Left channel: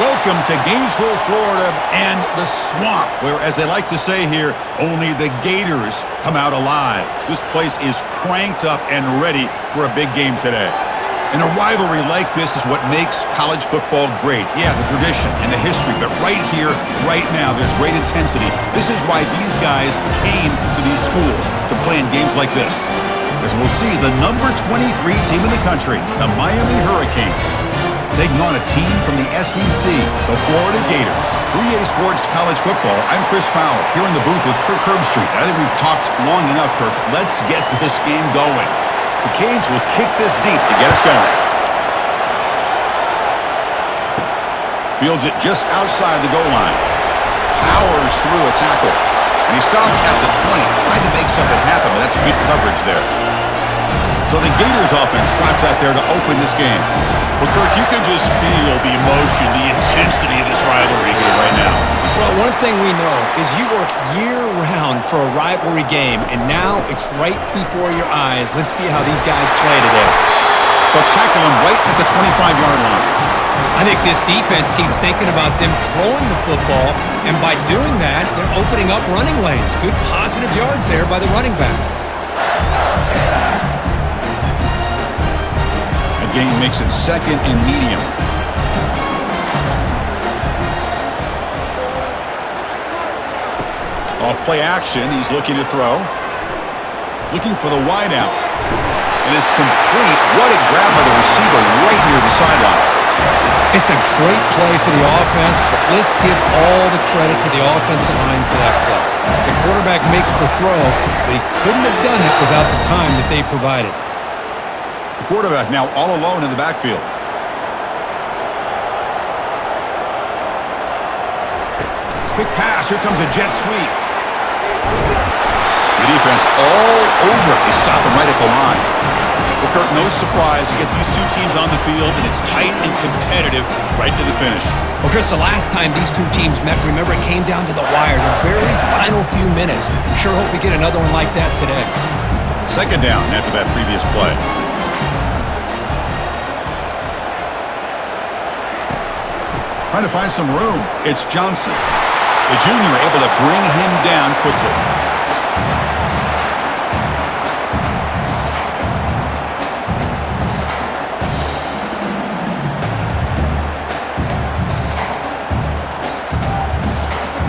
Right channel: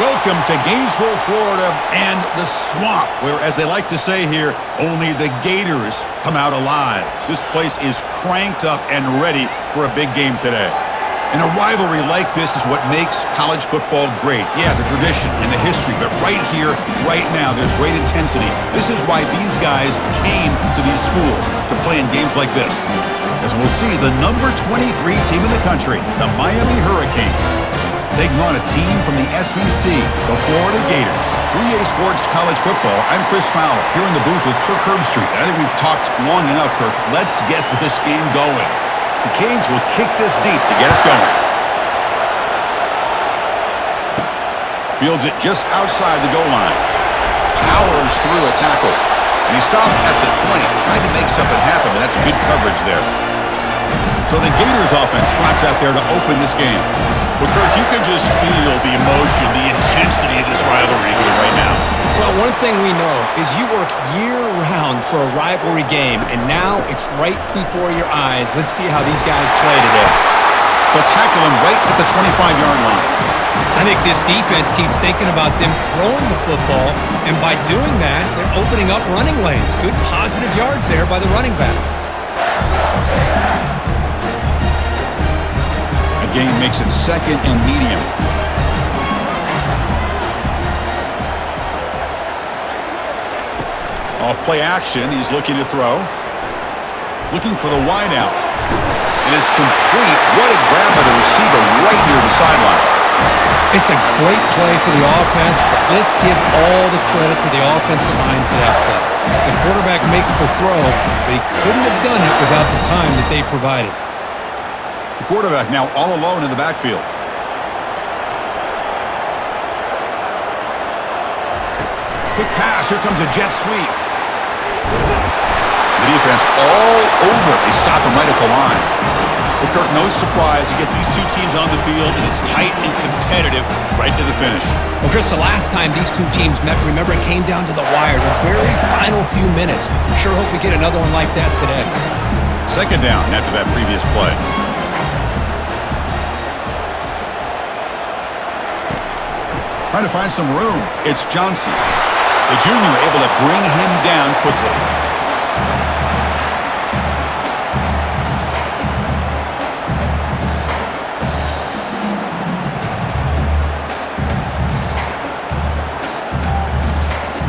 Welcome to Gainesville, Florida, and the swamp, where, as they like to say here, only the Gators come out alive. This place is cranked up and ready for a big game today. And a rivalry like this is what makes college football great. Yeah, the tradition and the history, but right here, right now, there's great intensity. This is why these guys came to these schools to play in games like this. As we'll see, the number 23 team in the country, the Miami Hurricanes, taking on a team from the SEC, the Florida Gators. 3A Sports College Football, I'm Chris Fowler, here in the booth with Kirk Herbstreit. I think we've talked long enough, Kirk. Let's get this game going. The Canes will kick this deep to get us going. Fields it just outside the goal line. Powers through a tackle. And he stopped at the 20. Tried to make something happen, but that's good coverage there. So the Gators offense trots out there to open this game. Well, Kirk, you can just feel the emotion, the intensity of this rivalry here right now. Well, one thing we know is you work year-round for a rivalry game, and now it's right before your eyes. Let's see how these guys play today. They'll tackle him right at the 25-yard line. I think this defense keeps thinking about them throwing the football, and by doing that, they're opening up running lanes. Good positive yards there by the running back. A gain makes it second and medium. Off play action, he's looking to throw. Looking for the wide out. It is complete. What a grab by the receiver right near the sideline. It's a great play for the offense, but let's give all the credit to the offensive line for that play. The quarterback makes the throw, but he couldn't have done it without the time that they provided. The quarterback now all alone in the backfield. Quick pass. Here comes a jet sweep. The defense all over it. They stop him right at the line. Well, Kirk, no surprise. You get these two teams on the field, and it's tight and competitive right to the finish. Well, Chris, the last time these two teams met, remember, it came down to the wire, the very final few minutes. Sure hope we get another one like that today. Second down after that previous play. Trying to find some room. It's Johnson. The junior able to bring him down quickly.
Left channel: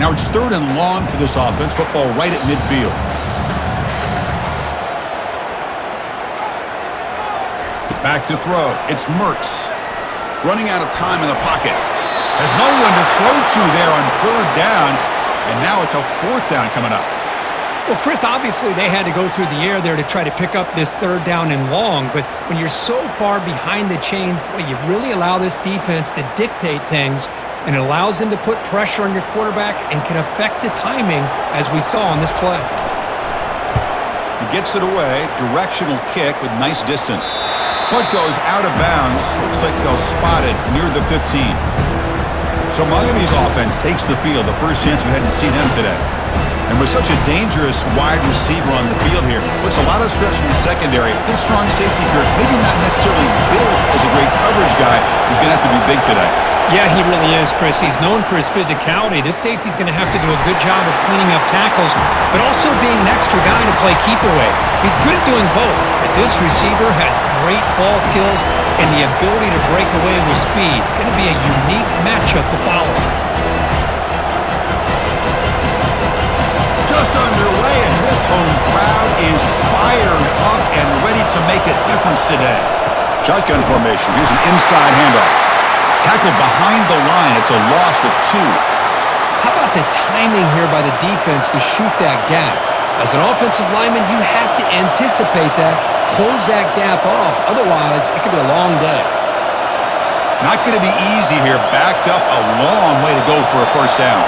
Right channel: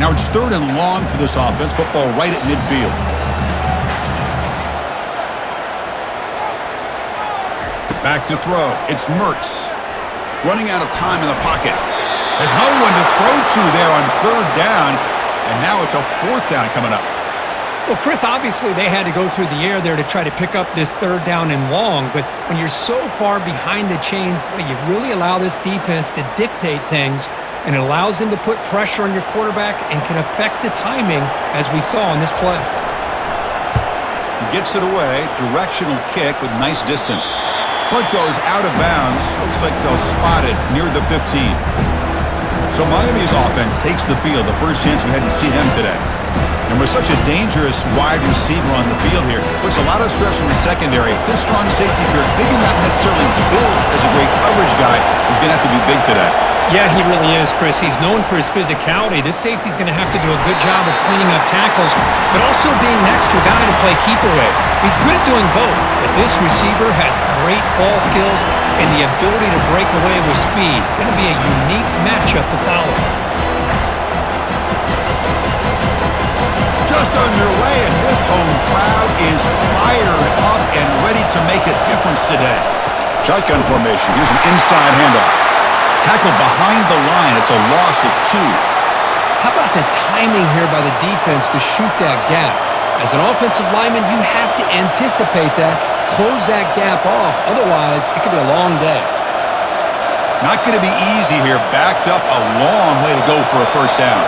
Now it's third and long for this offense. Football right at midfield. Back to throw. It's Mertz. Running out of time in the pocket. There's no one to throw to there on third down. And now it's a fourth down coming up. Well, Chris, obviously they had to go through the air there to try to pick up this third down and long. But when you're so far behind the chains, boy, you really allow this defense to dictate things. And it allows them to put pressure on your quarterback and can affect the timing, as we saw on this play. He gets it away. Directional kick with nice distance. Punt goes out of bounds. Looks like they'll spot it near the 15. So Miami's offense takes the field. The first chance we had to see them today. And with such a dangerous wide receiver on the field here, puts a lot of stress in the secondary. This strong safety group, maybe not necessarily built as a great coverage guy, who's going to have to be big today. Yeah, he really is, Chris. He's known for his physicality. This safety's going to have to do a good job of cleaning up tackles, but also being an extra guy to play keep away. He's good at doing both, but this receiver has great ball skills and the ability to break away with speed. Going to be a unique matchup to follow. Just underway, and this home crowd is fired up and ready to make a difference today. Shotgun formation. Here's an inside handoff. Tackled behind the line. It's a loss of 2. How about the timing here by the defense to shoot that gap? As an offensive lineman, you have to anticipate that, close that gap off. Otherwise, it could be a long day. Not going to be easy here. Backed up a long way to go for a first down.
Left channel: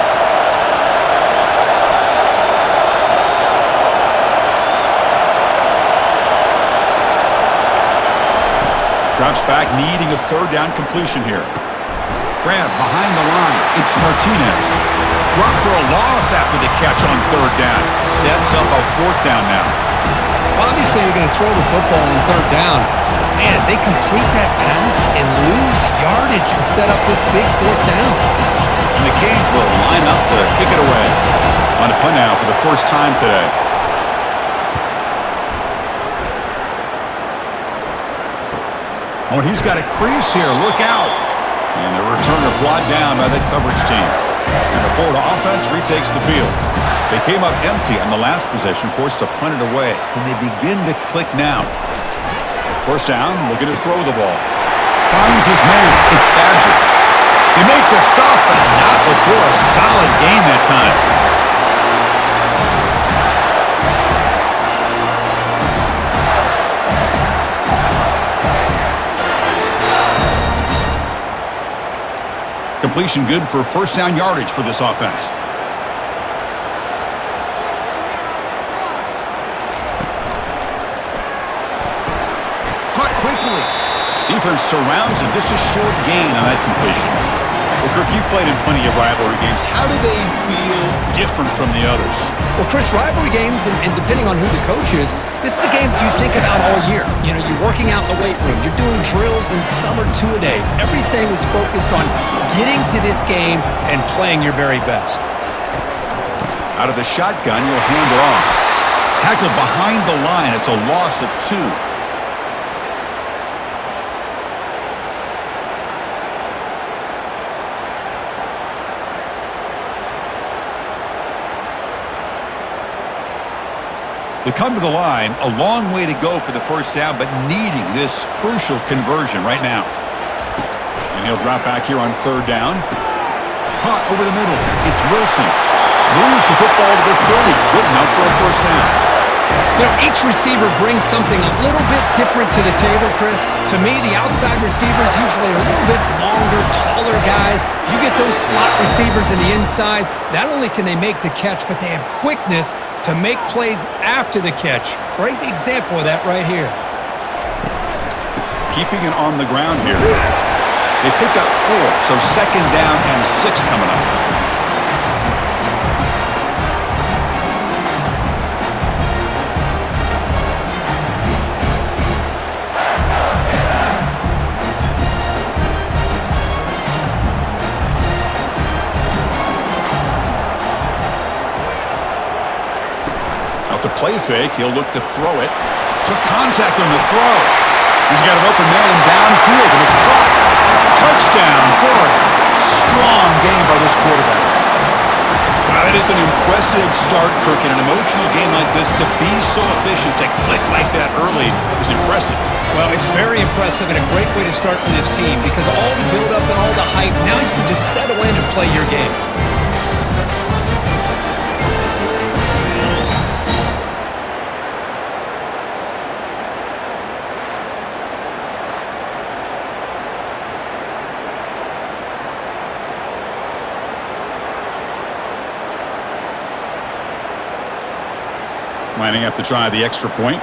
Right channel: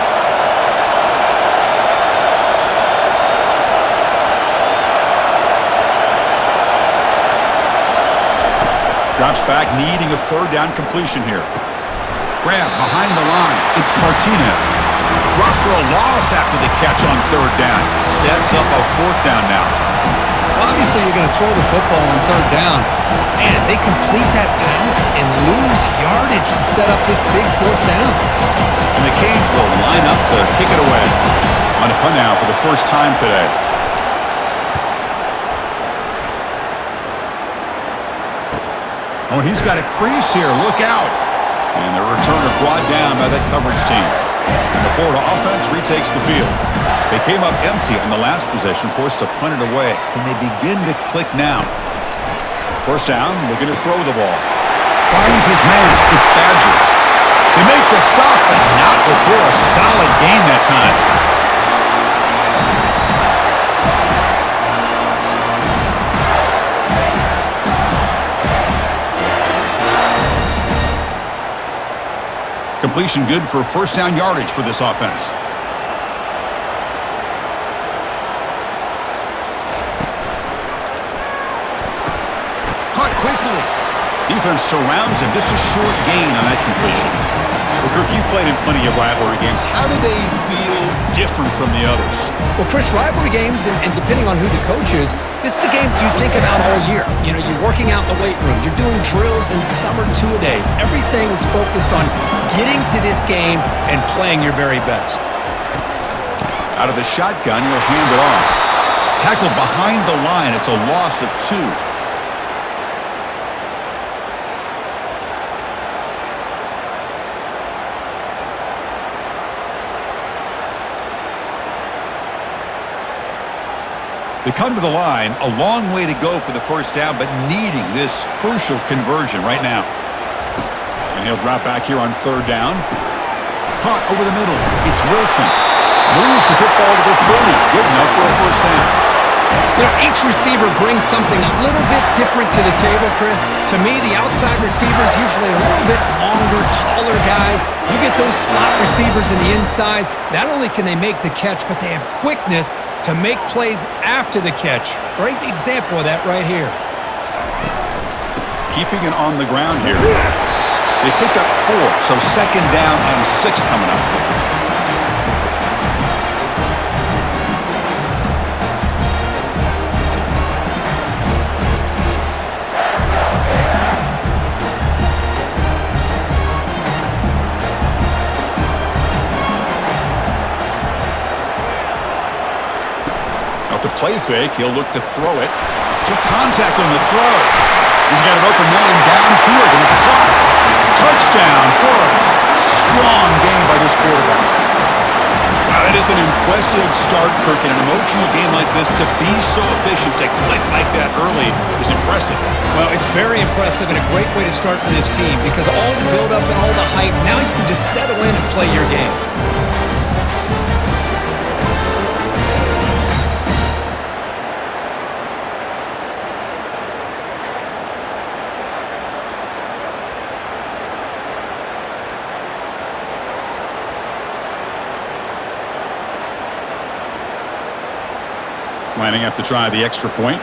Drops back, needing a third down completion here. Grab behind the line. It's Martinez. Drop for a loss after the catch on third down. Sets up a fourth down now. Well, obviously, you're going to throw the football on third down. Man, they complete that pass and lose yardage to set up this big fourth down. And the Canes will line up to kick it away. On a punt now for the first time today. Oh, and he's got a crease here. Look out. And the returner brought down by that coverage team. And the Florida offense retakes the field. They came up empty on the last possession, forced to punt it away. Can they begin to click now? First down, looking to throw the ball. Finds his man. It's Badger. They make the stop, but not before a solid gain that time. Completion good for first down yardage for this offense. Caught quickly. Defense surrounds him. Just a short gain on that completion. Well, Kirk, you played in plenty of rivalry games. How do they feel different from the others? Well, Chris, rivalry games, and depending on who the coach is, this is a game you think about all year. You know, you're working out in the weight room. You're doing drills, and some are two-a-days. Everything is focused on getting to this game and playing your very best. Out of the shotgun, you'll hand it off. Tackle behind the line. It's a loss of 2. They come to the line, a long way to go for the first down, but needing this crucial conversion right now. And he'll drop back here on third down. Caught over the middle. It's Wilson. Moves the football to the 30. Good enough for a first down. You know, each receiver brings something a little bit different to the table, Chris. To me, the outside receivers usually are a little bit longer, taller guys. You get those slot receivers in the inside, not only can they make the catch, but they have quickness to make plays after the catch. Great example of that right here. Keeping it on the ground here. They pick up 4, so second down and 6 coming up. The play fake, he'll look to throw it. Took contact on the throw. He's got an open man downfield, and it's caught. Touchdown, Florida. Strong game by this quarterback. Wow, that is an impressive start, Kirk. In an emotional game like this, to be so efficient, to click like that early is impressive. Well, it's very impressive and a great way to start for this team because all the build-up and all the hype, now you can just settle in and play your game. Lining up to try the extra point.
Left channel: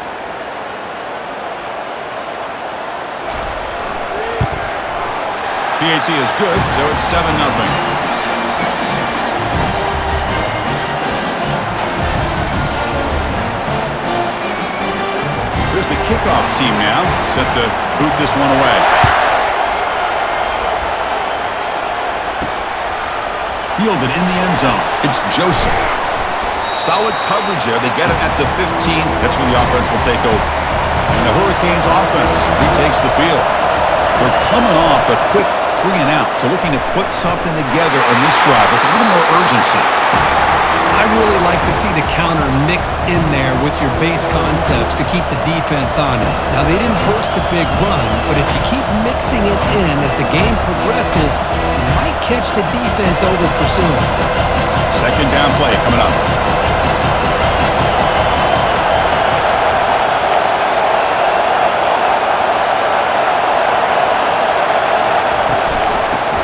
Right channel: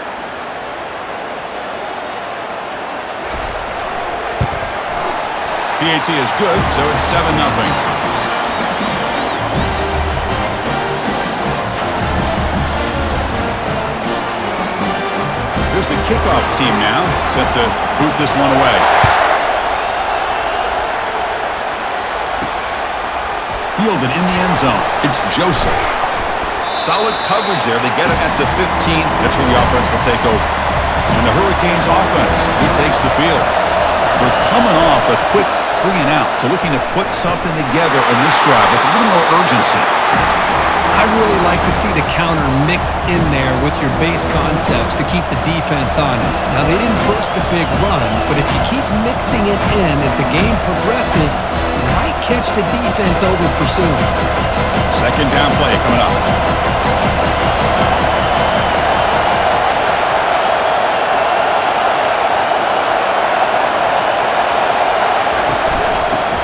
PAT is good, so it's 7-0. Here's the kickoff team now, set to boot this one away. Fielded in the end zone. It's Joseph. Solid coverage there. They get it at the 15. That's where the offense will take over. And the Hurricanes offense retakes the field. They're coming off a quick 3-and-out, so looking to put something together on this drive with a little more urgency. I really like to see the counter mixed in there with your base concepts to keep the defense honest. Now, they didn't burst a big run, but if you keep mixing it in as the game progresses, you might catch the defense over pursuing. Second down play coming up.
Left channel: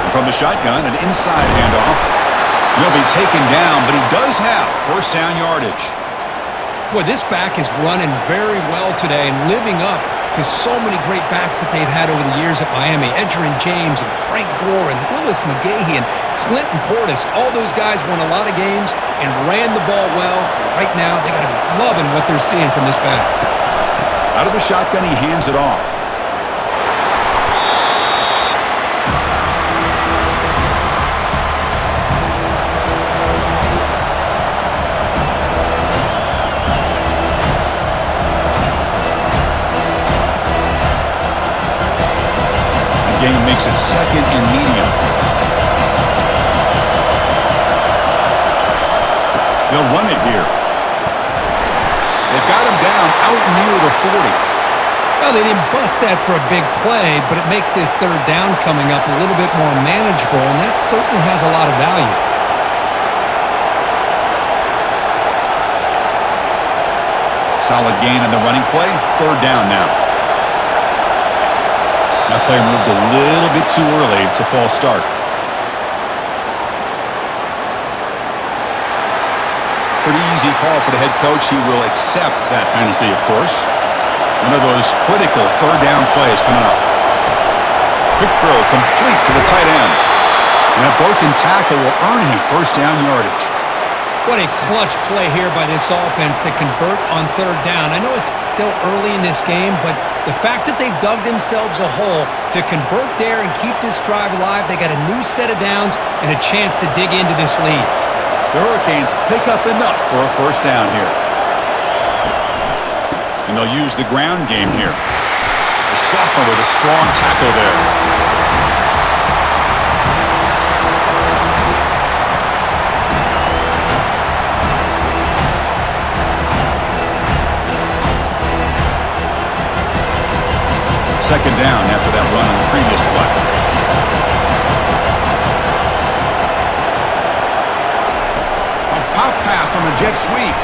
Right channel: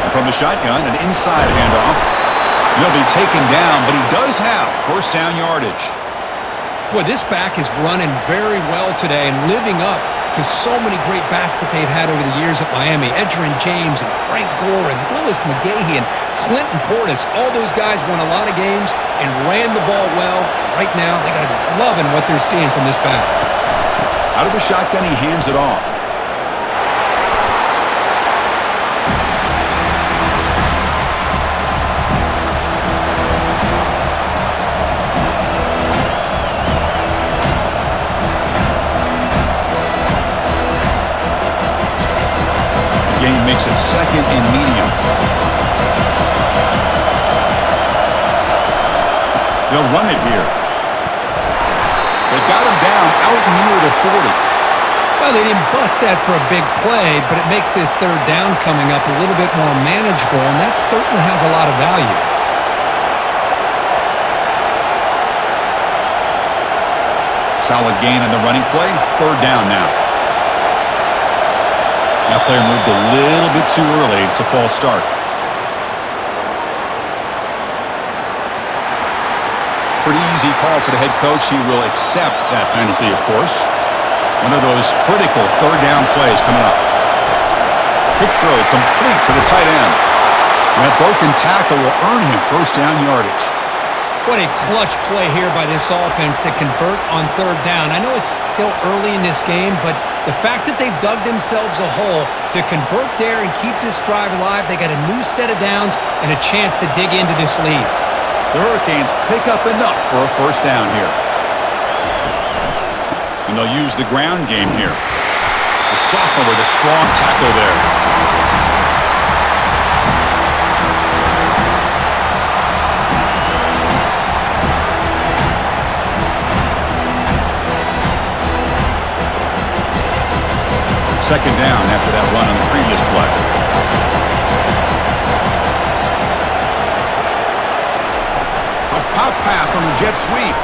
From the shotgun, an inside handoff. He'll be taken down, but he does have first down yardage. Boy, this back is running very well today and living up to so many great backs that they've had over the years at Miami. Edgerrin James and Frank Gore and Willis McGahee and Clinton Portis. All those guys won a lot of games and ran the ball well. And right now, they got to be loving what they're seeing from this back. Out of the shotgun, he hands it off. The game makes it second and medium. They'll run it here. They've got him down out near the 40. Well, they didn't bust that for a big play, but it makes this third down coming up a little bit more manageable, and that certainly has a lot of value. Solid gain on the running play. Third down now. That player moved a little bit too early. It's a false start. Pretty easy call for the head coach. He will accept that penalty, of course. One of those critical third down plays coming up. Quick throw complete to the tight end. And that broken tackle will earn him first down yardage. What a clutch play here by this offense to convert on third down. I know it's still early in this game, but the fact that they've dug themselves a hole to convert there and keep this drive alive, they got a new set of downs and a chance to dig into this lead. The Hurricanes pick up enough for a first down here. And they'll use the ground game here. The sophomore with a strong tackle there. Second down after that run on the previous play. A pop pass on the jet sweep.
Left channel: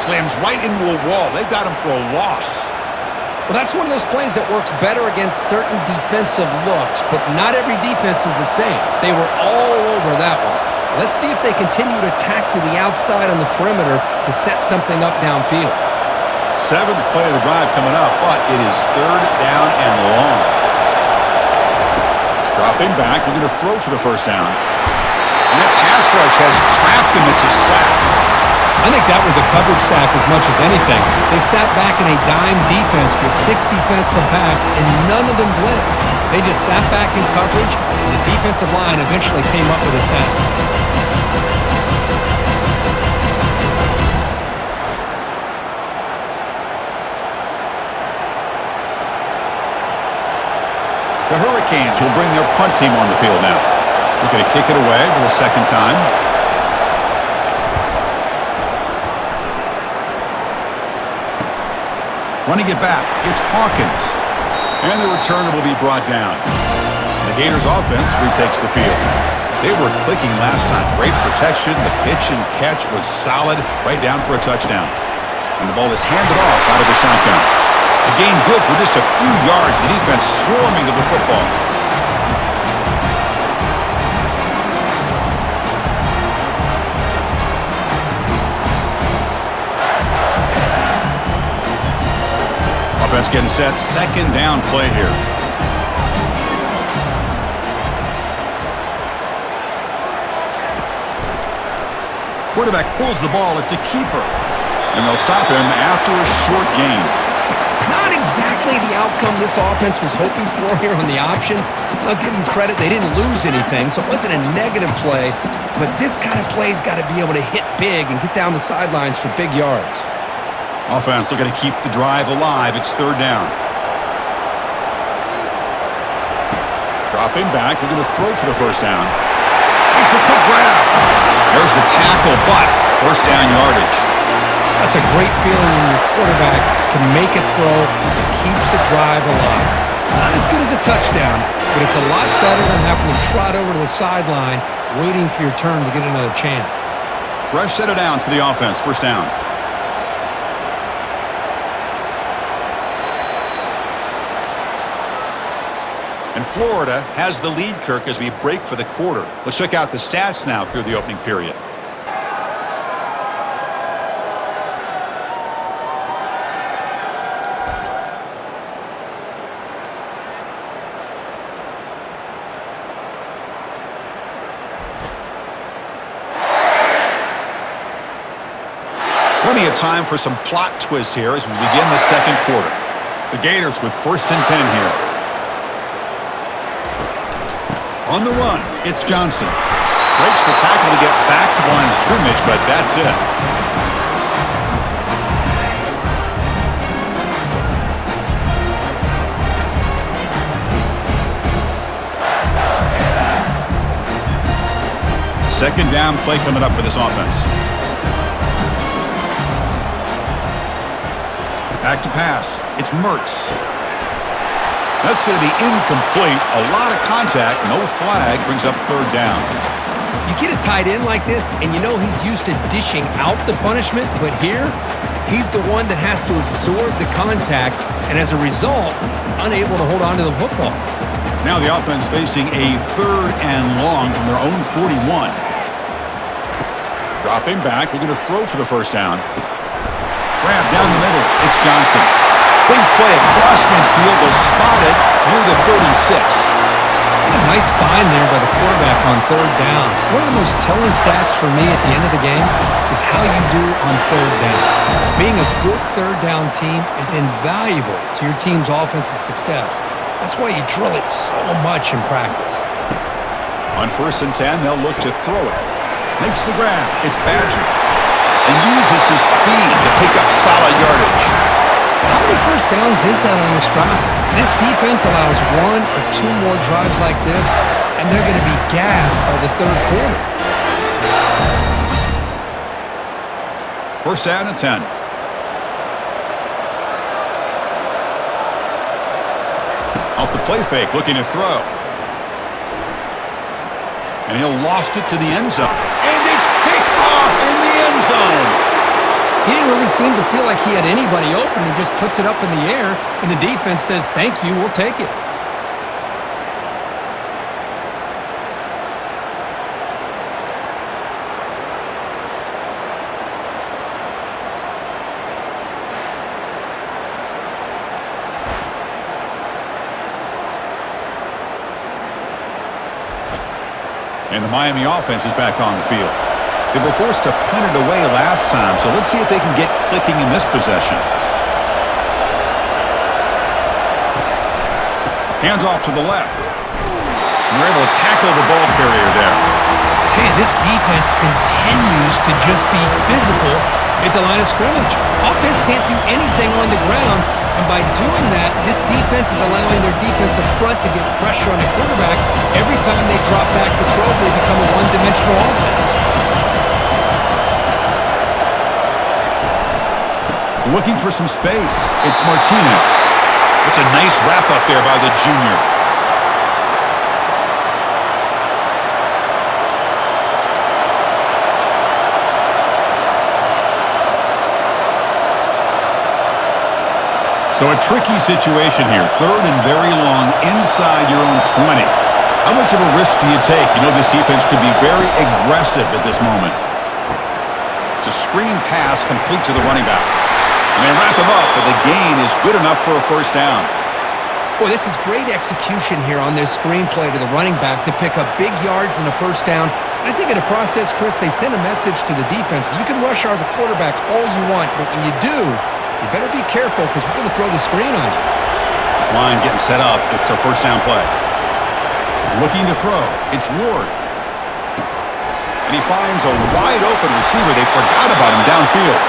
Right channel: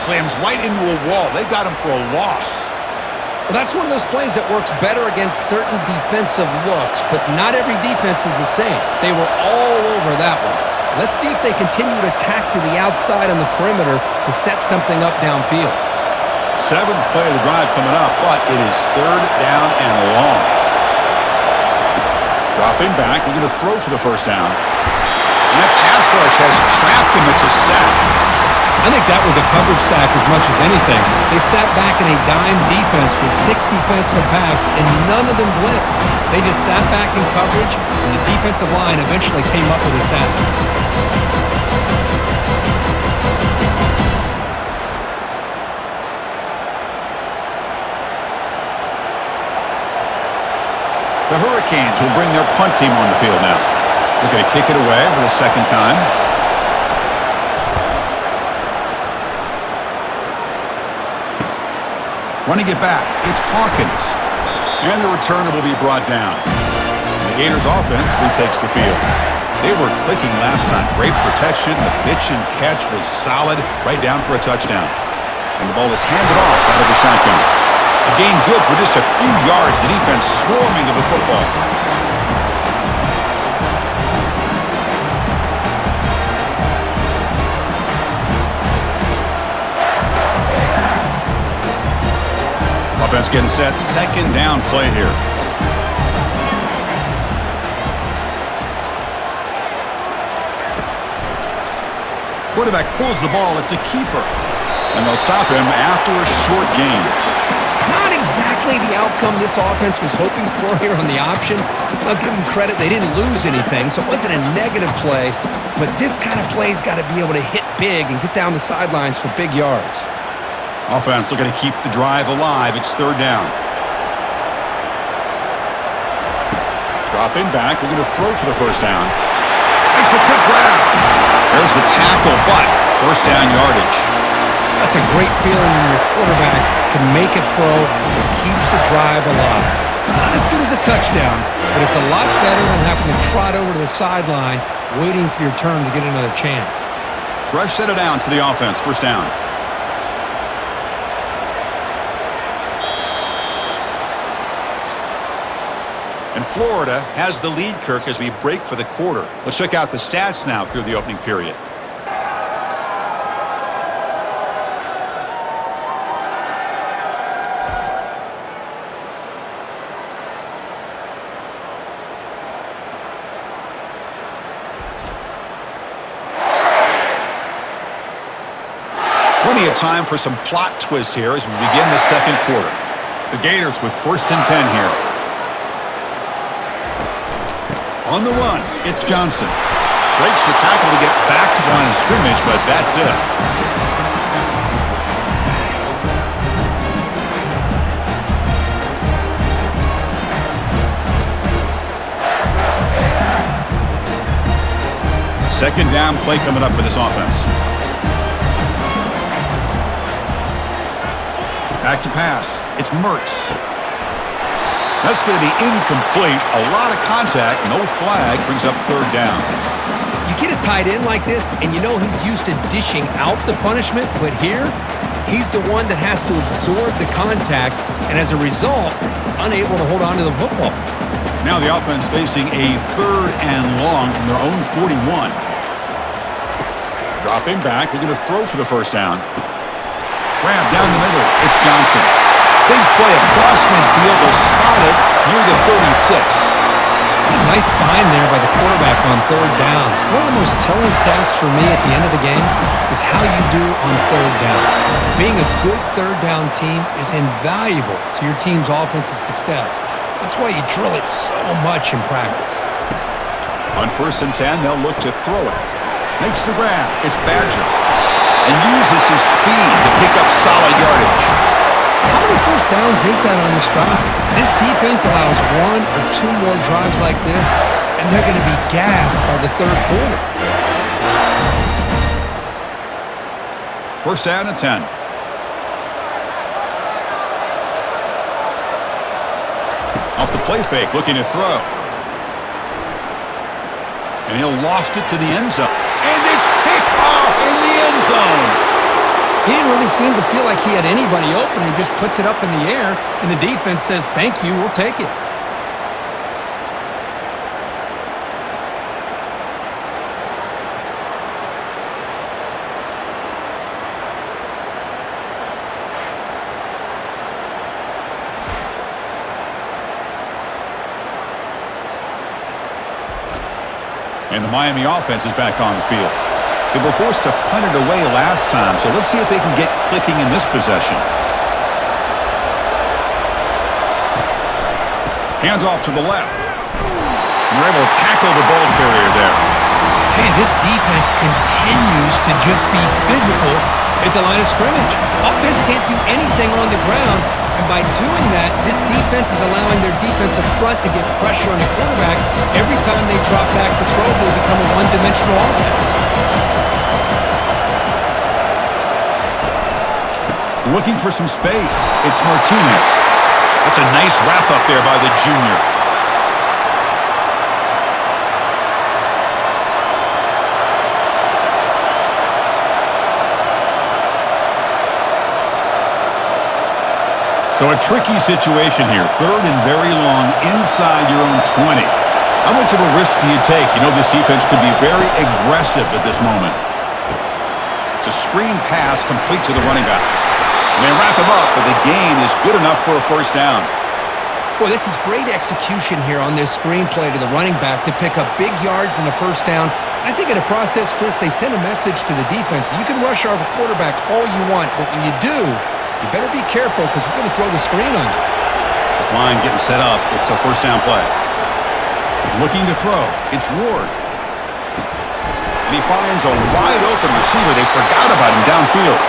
Slams right into a wall. They've got him for a loss. Well, that's one of those plays that works better against certain defensive looks, but not every defense is the same. They were all over that one. Let's see if they continue to attack to the outside on the perimeter to set something up downfield. Seventh play of the drive coming up, but it is third down and long. Dropping back, looking to throw for the first down. And that pass rush has trapped him. It's a sack. I think that was a coverage sack as much as anything. They sat back in a dime defense with 6 defensive backs, and none of them blitzed. They just sat back in coverage, and the defensive line eventually came up with a sack. The Hurricanes will bring their punt team on the field now. Looking to kick it away for the second time. Running it back, it's Hawkins. And the returner will be brought down. The Gators offense retakes the field. They were clicking last time. Great protection. The pitch and catch was solid, right down for a touchdown. And the ball is handed off out of the shotgun. A gain good for just a few yards. The defense swarming to the football. Offense getting set. Second down play here. Quarterback pulls the ball. It's a keeper. And they'll stop him after a short gain. Not exactly the outcome this offense was hoping for here on the option. I'll give them credit. They didn't lose anything, so it wasn't a negative play. But this kind of play's got to be able to hit big and get down the sidelines for big yards. Offense looking to keep the drive alive. It's third down. Dropping back, looking to throw for the first down. Makes a quick grab. There's the tackle, but first down yardage. That's a great feeling when your quarterback can make a throw that keeps the drive alive. Not as good as a touchdown, but it's a lot better than having to trot over to the sideline waiting for your turn to get another chance. Fresh set of downs for the offense. First down. And Florida has the lead, Kirk, as we break for the quarter. Let's check out the stats now through the opening period. Plenty of time for some plot twists here as we begin the second quarter. The Gators with 1st and 10 here. On the run, it's Johnson. Breaks the tackle to get back to the line of scrimmage, but that's it. Second down play coming up for this offense. Back to pass. It's Mertz. That's going to be incomplete. A lot of contact. No flag. Brings up 3rd down. You get a tight end like this, and you know he's used to dishing out the punishment, but here, he's the one that has to absorb the contact, and as a result, he's unable to hold on to the football. Now the offense facing a 3rd and long from their own 41. Dropping back, looking to throw for the 1st down. Grab down the middle, it's Johnson. Big play across midfield, they'll spot it near the 36. What a nice find there by the quarterback on 3rd down. One of the most telling stats for me at the end of the game is how you do on 3rd down. Being a good 3rd down team is invaluable to your team's offensive success. That's why you drill it so much in practice. On 1st and 10, they'll look to throw it. Makes the grab. It's Badger. And uses his speed to pick up solid yardage. How many 1st downs is that on this drive? This defense allows 1 or 2 more drives like this, and they're going to be gassed by the 3rd quarter. 1st down and 10. Off the play fake, looking to throw. And he'll loft it to the end zone. And it's picked off in the end zone. He didn't really seem to feel like he had anybody open. He just puts it up in the air, and the defense says, thank you, we'll take it. And the Miami offense is back on the field. They were forced to punt it away last time, so let's see if they can get clicking in this possession. Hands off to the left. They're able to tackle the ball carrier there. I tell you, this defense continues to just be physical at the line of scrimmage. Offense can't do anything on the ground, and by doing that, this defense is allowing their defensive front to get pressure on the quarterback. Every time they drop back to throw, they become a one-dimensional offense. Looking for some space. It's Martinez. That's a nice wrap-up there by the junior. So a tricky situation here. 3rd and very long inside your own 20. How much of a risk do you take? You know this defense could be very aggressive at this moment. It's a screen pass complete to the running back. And they wrap him up, but the gain is good enough for a 1st down. Boy, this is great execution here on this screenplay to the running back to pick up big yards in the 1st down. I think in the process, Chris, they sent a message to the defense. You can rush our quarterback all you want, but when you do, you better be careful because we're going to throw the screen on you. This line getting set up. It's a 1st down play. Looking to throw. It's Ward. And he finds a wide open receiver. They forgot about him downfield.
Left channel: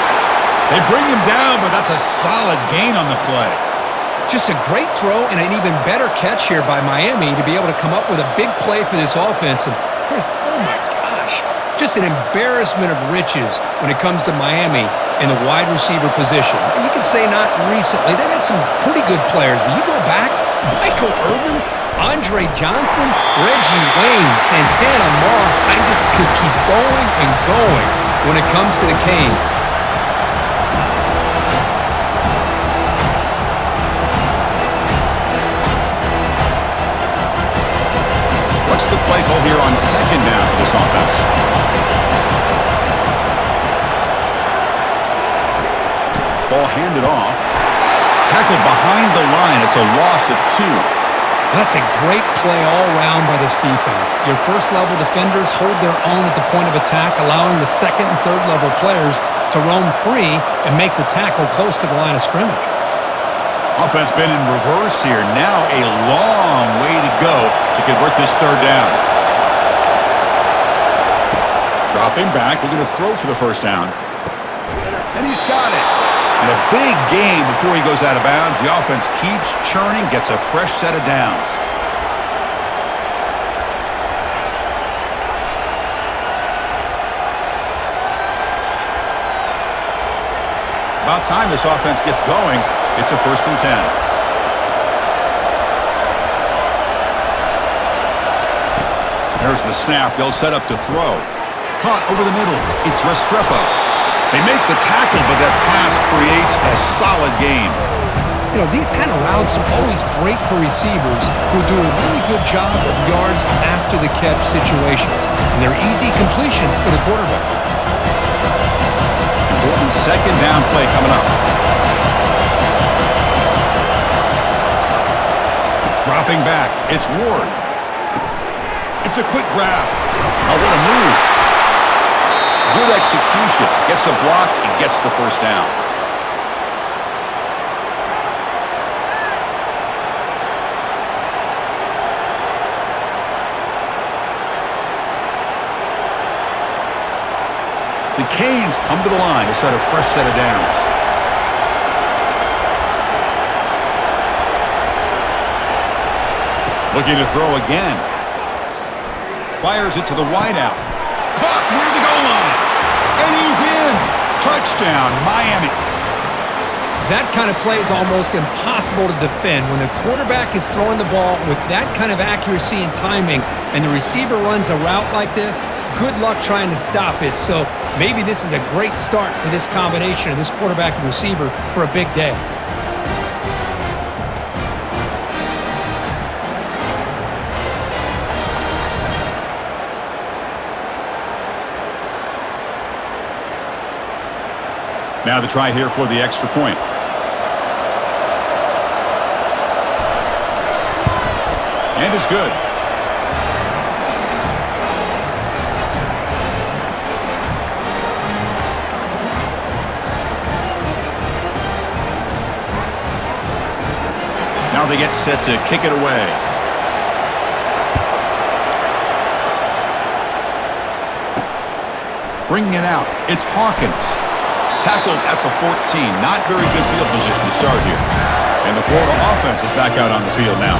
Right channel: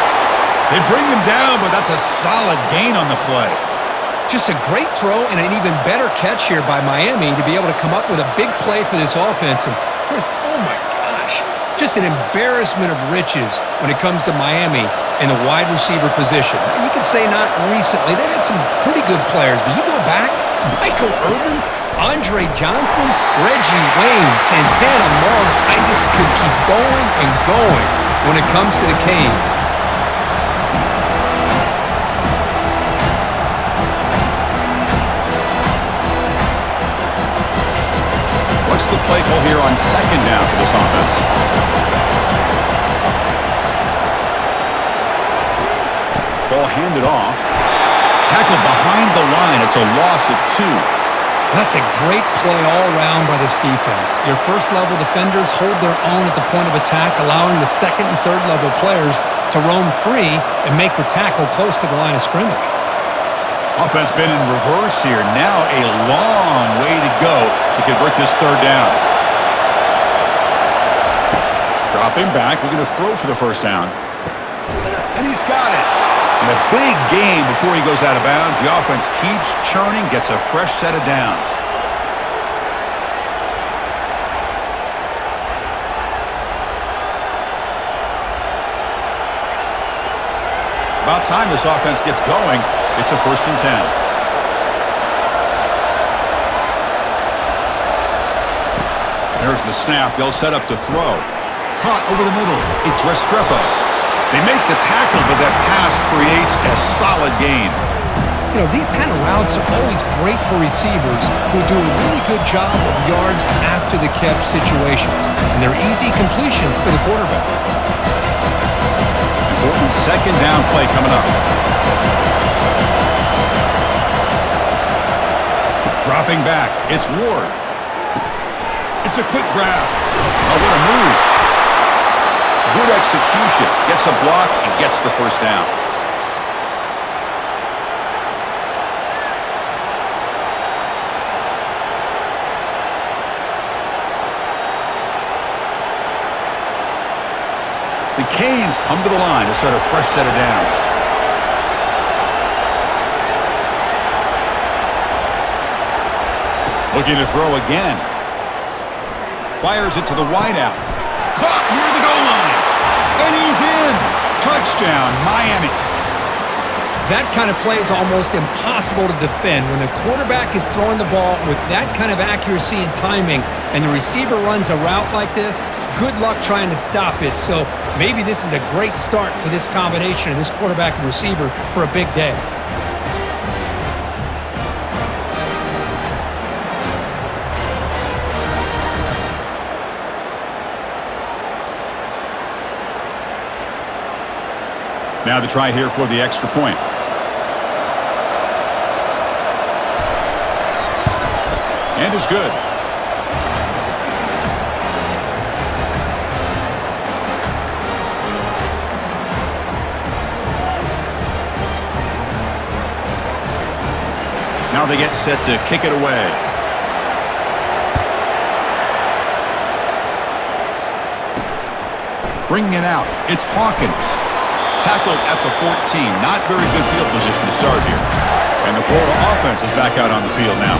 They bring him down, but that's a solid gain on the play. Just a great throw and an even better catch here by Miami to be able to come up with a big play for this offense. And Chris, oh my gosh, just an embarrassment of riches when it comes to Miami in the wide receiver position. You could say not recently. They've had some pretty good players, but you go back, Michael Irvin, Andre Johnson, Reggie Wayne, Santana Moss. I just could keep going and going when it comes to the Canes. What's the play call here on 2nd down for this offense? Ball handed off. Tackled behind the line. It's a loss of 2. That's a great play all around by this defense. Your 1st-level defenders hold their own at the point of attack, allowing the 2nd and 3rd-level players to roam free and make the tackle close to the line of scrimmage. Offense been in reverse here. Now a long way to go to convert this third down. Dropping back, looking to throw for the first down. And he's got it. And a big gain before he goes out of bounds. The offense keeps churning, gets a fresh set of downs. About time this offense gets going. It's a 1st and 10. There's the snap. They'll set up to throw. Caught over the middle. It's Restrepo. They make the tackle, but that pass creates a solid gain. You know, these kind of routes are always great for receivers who do a really good job of yards after the catch situations. And they're easy completions for the quarterback. Important 2nd down play coming up. Dropping back, it's Ward. It's a quick grab. Oh, what a move. Good execution. Gets a block and gets the first down. The Canes come to the line to start a fresh set of downs. Looking to throw again. Fires it to the wideout. Caught near the goal line. And he's in. Touchdown, Miami. That kind of play is almost impossible to defend when the quarterback is throwing the ball with that kind of accuracy and timing, and the receiver runs a route like this. Good luck trying to stop it. So maybe this is a great start for this combination of this quarterback and receiver for a big day. Now the try here for the extra point. And it's good. Now they get set to kick it away. Bringing it out, it's Hawkins. Tackled at the 14. Not very good field position to start here. And the Florida offense is back out on the field now.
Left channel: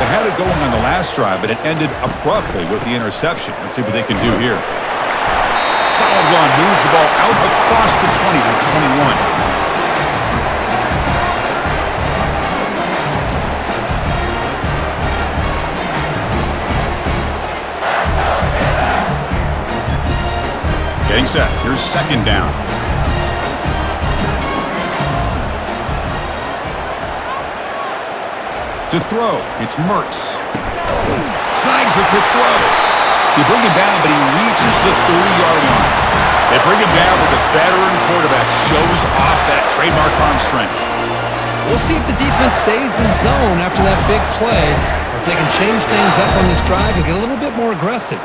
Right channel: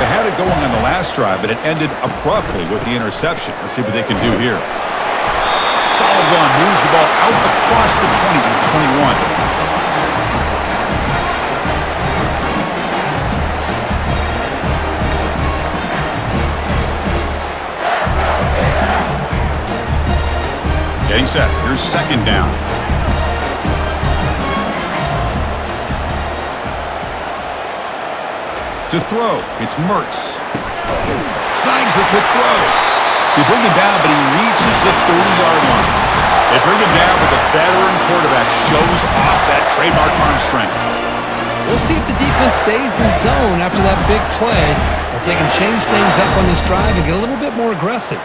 They had it going on the last drive, but it ended abruptly with the interception. Let's see what they can do here. Solid run. Moves the ball out across the 20 to the 21. Getting set. Here's 2nd down. To throw, it's Mertz. Snags the quick throw. They bring him down, but he reaches the 30-yard line. They bring him down, but the veteran quarterback shows off that trademark arm strength. We'll see if the defense stays in zone after that big play, or if they can change things up on this drive and get a little bit more aggressive.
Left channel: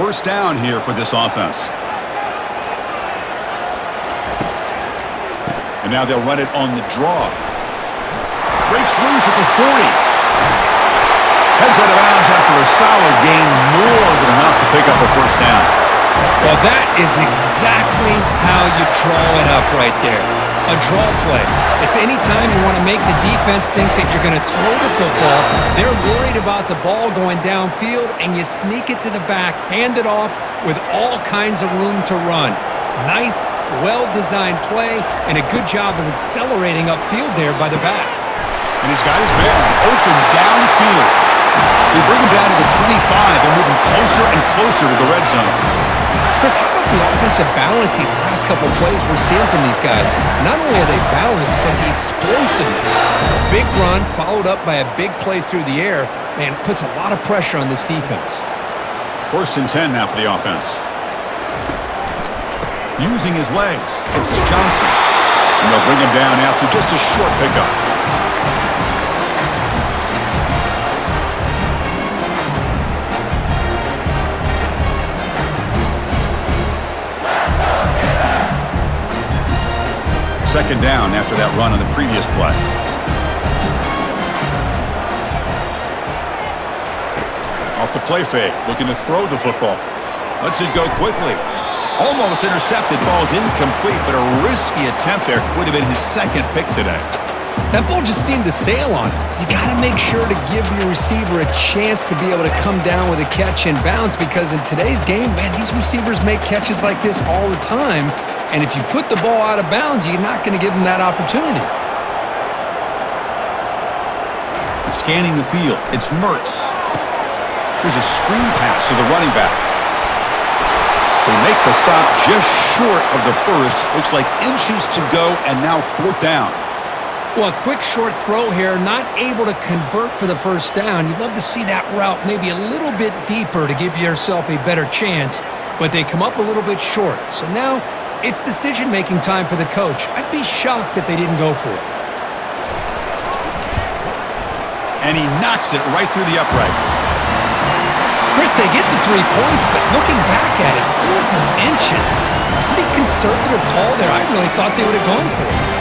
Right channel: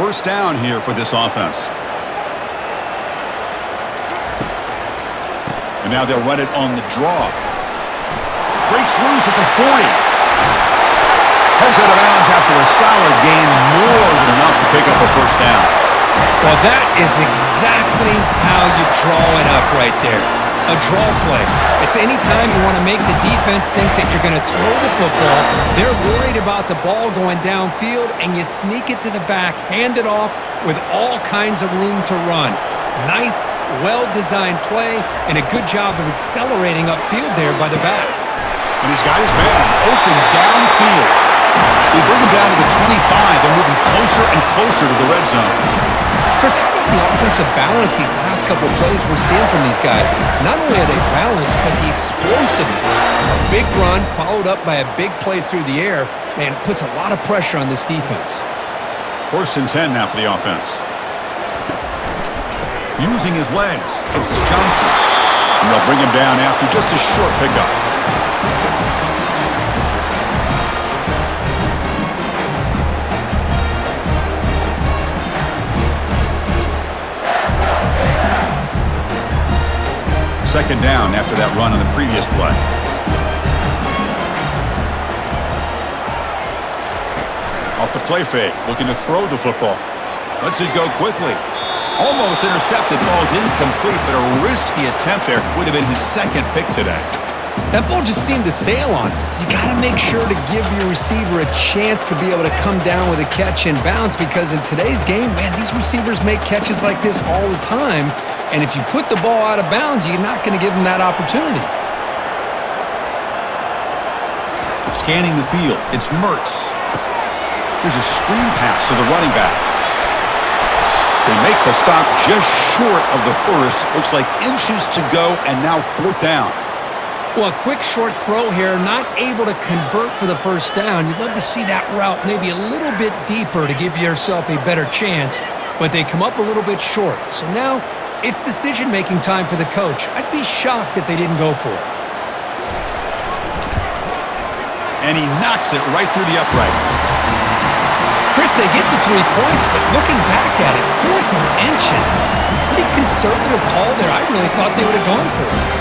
1st down here for this offense. And now they'll run it on the draw. Breaks loose at the 40. Heads out of bounds after a solid gain, more than enough to pick up a 1st down. Well, that is exactly how you draw it up right there. A draw play. It's any time you want to make the defense think that you're going to throw the football. They're worried about the ball going downfield, and you sneak it to the back, hand it off with all kinds of room to run. Nice, well-designed play, and a good job of accelerating upfield there by the back. And he's got his man open downfield. They bring him down to the 25. They're moving closer and closer to the red zone. Chris, how about the offensive balance these last couple of plays we're seeing from these guys? Not only are they balanced, but the explosiveness. A big run followed up by a big play through the air, man, puts a lot of pressure on this defense. 1st and 10 now for the offense. Using his legs, it's Johnson. And they'll bring him down after just a short pickup. Second down after that run on the previous play. Off the play fake, looking to throw the football. Lets it go quickly. Almost intercepted, falls incomplete, but a risky attempt there. Would have been his second pick today. That ball just seemed to sail on him. You got to make sure to give your receiver a chance to be able to come down with a catch and bounce, because in today's game, man, these receivers make catches like this all the time. And if you put the ball out of bounds, you're not going to give them that opportunity. Scanning the field, it's Mertz. Here's a screen pass to the running back. They make the stop just short of the first. Looks like inches to go, and now 4th down. Well, a quick short throw here, not able to convert for the first down. You'd love to see that route maybe a little bit deeper to give yourself a better chance, but they come up a little bit short. So now it's decision-making time for the coach. I'd be shocked if they didn't go for it. And he knocks it right through the uprights. Chris, they get the 3 points, but looking back at it, 4th and inches. Pretty conservative call there. I really thought they would have gone for it.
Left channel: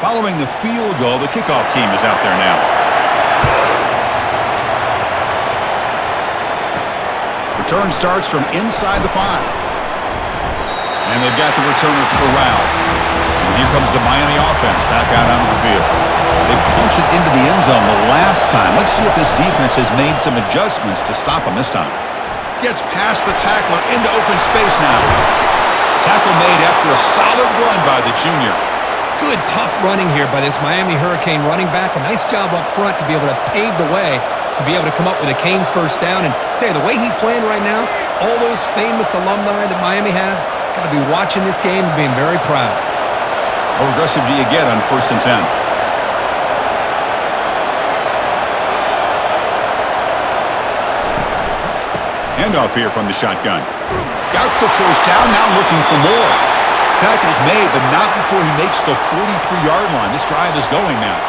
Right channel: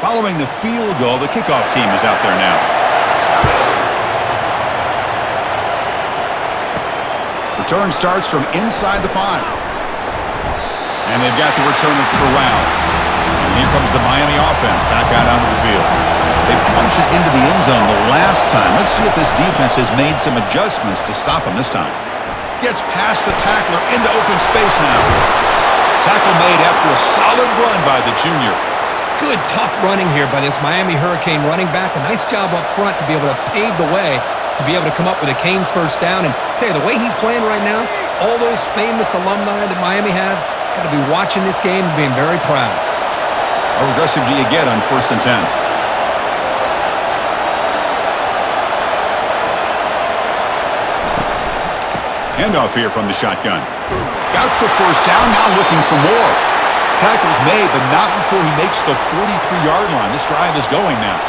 Following the field goal, the kickoff team is out there now. Return starts from inside the 5. And they've got the returner corralled. And here comes the Miami offense back out onto the field. They punched it into the end zone the last time. Let's see if this defense has made some adjustments to stop them this time. Gets past the tackler into open space now. Tackle made after a solid run by the junior. Good, tough running here by this Miami Hurricane running back. A nice job up front to be able to pave the way to be able to come up with a Canes first down. And tell you, the way he's playing right now, all those famous alumni that Miami have, got to be watching this game and being very proud. How aggressive do you get on 1st and 10? Handoff here from the shotgun. Got the first down, now looking for more. Tackle's made, but not before he makes the 43-yard line. This drive is going now.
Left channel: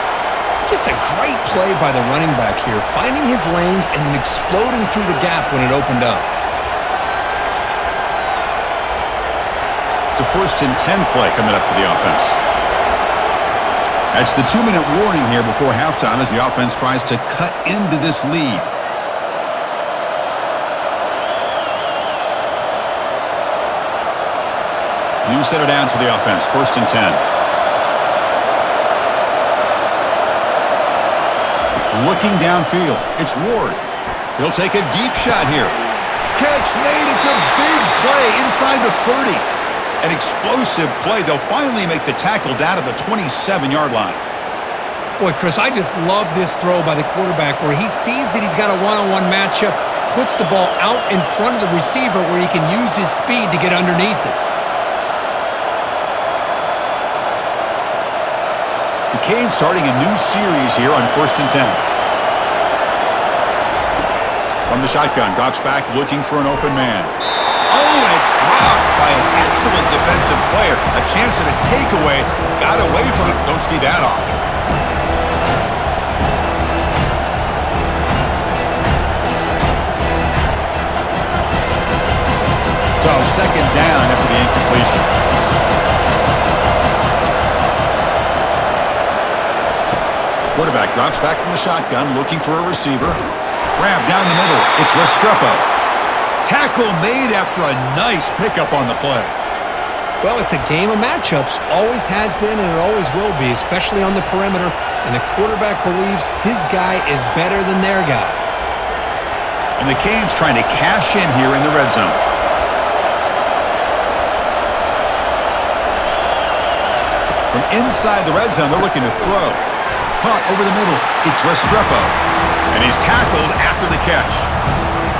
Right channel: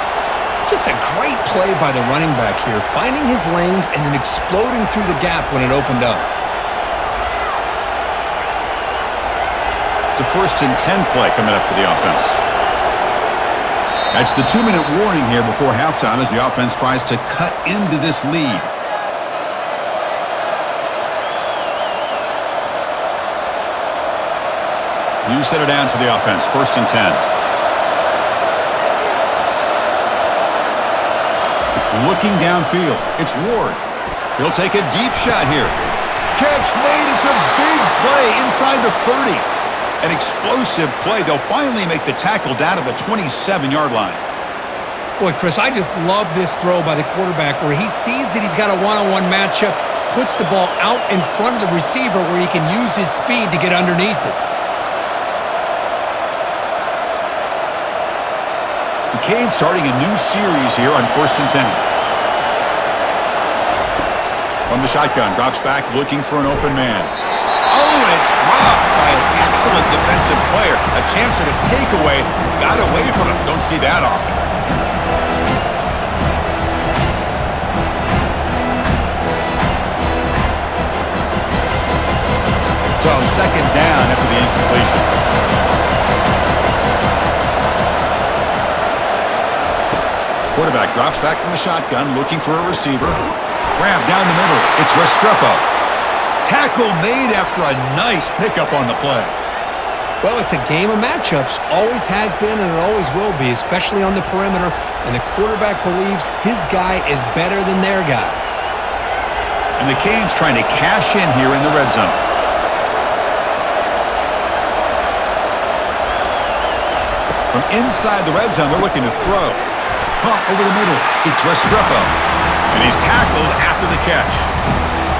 Just a great play by the running back here, finding his lanes and then exploding through the gap when it opened up. It's a 1st and 10 play coming up for the offense. That's the 2-minute warning here before halftime as the offense tries to cut into this lead. New set of downs for the offense, 1st and 10. Looking downfield, it's Ward. He'll take a deep shot here. Catch made, it's a big play inside the 30. An explosive play. They'll finally make the tackle down to the 27-yard line. Boy, Chris, I just love this throw by the quarterback where he sees that he's got a one-on-one matchup, puts the ball out in front of the receiver where he can use his speed to get underneath it. The Canes starting a new series here on 1st and 10. From the shotgun, drops back looking for an open man. Oh, and it's dropped by an excellent defensive player. A chance at a takeaway. Got away from him. Don't see that often. So 2nd down after the incompletion. Quarterback drops back from the shotgun, looking for a receiver. Grab down the middle. It's Restrepo. Tackle made after a nice pickup on the play. Well, it's a game of matchups. Always has been, and it always will be, especially on the perimeter. And the quarterback believes his guy is better than their guy. And the Canes trying to cash in here in the red zone. From inside the red zone, they're looking to throw. Caught over the middle. It's Restrepo. And he's tackled after the catch.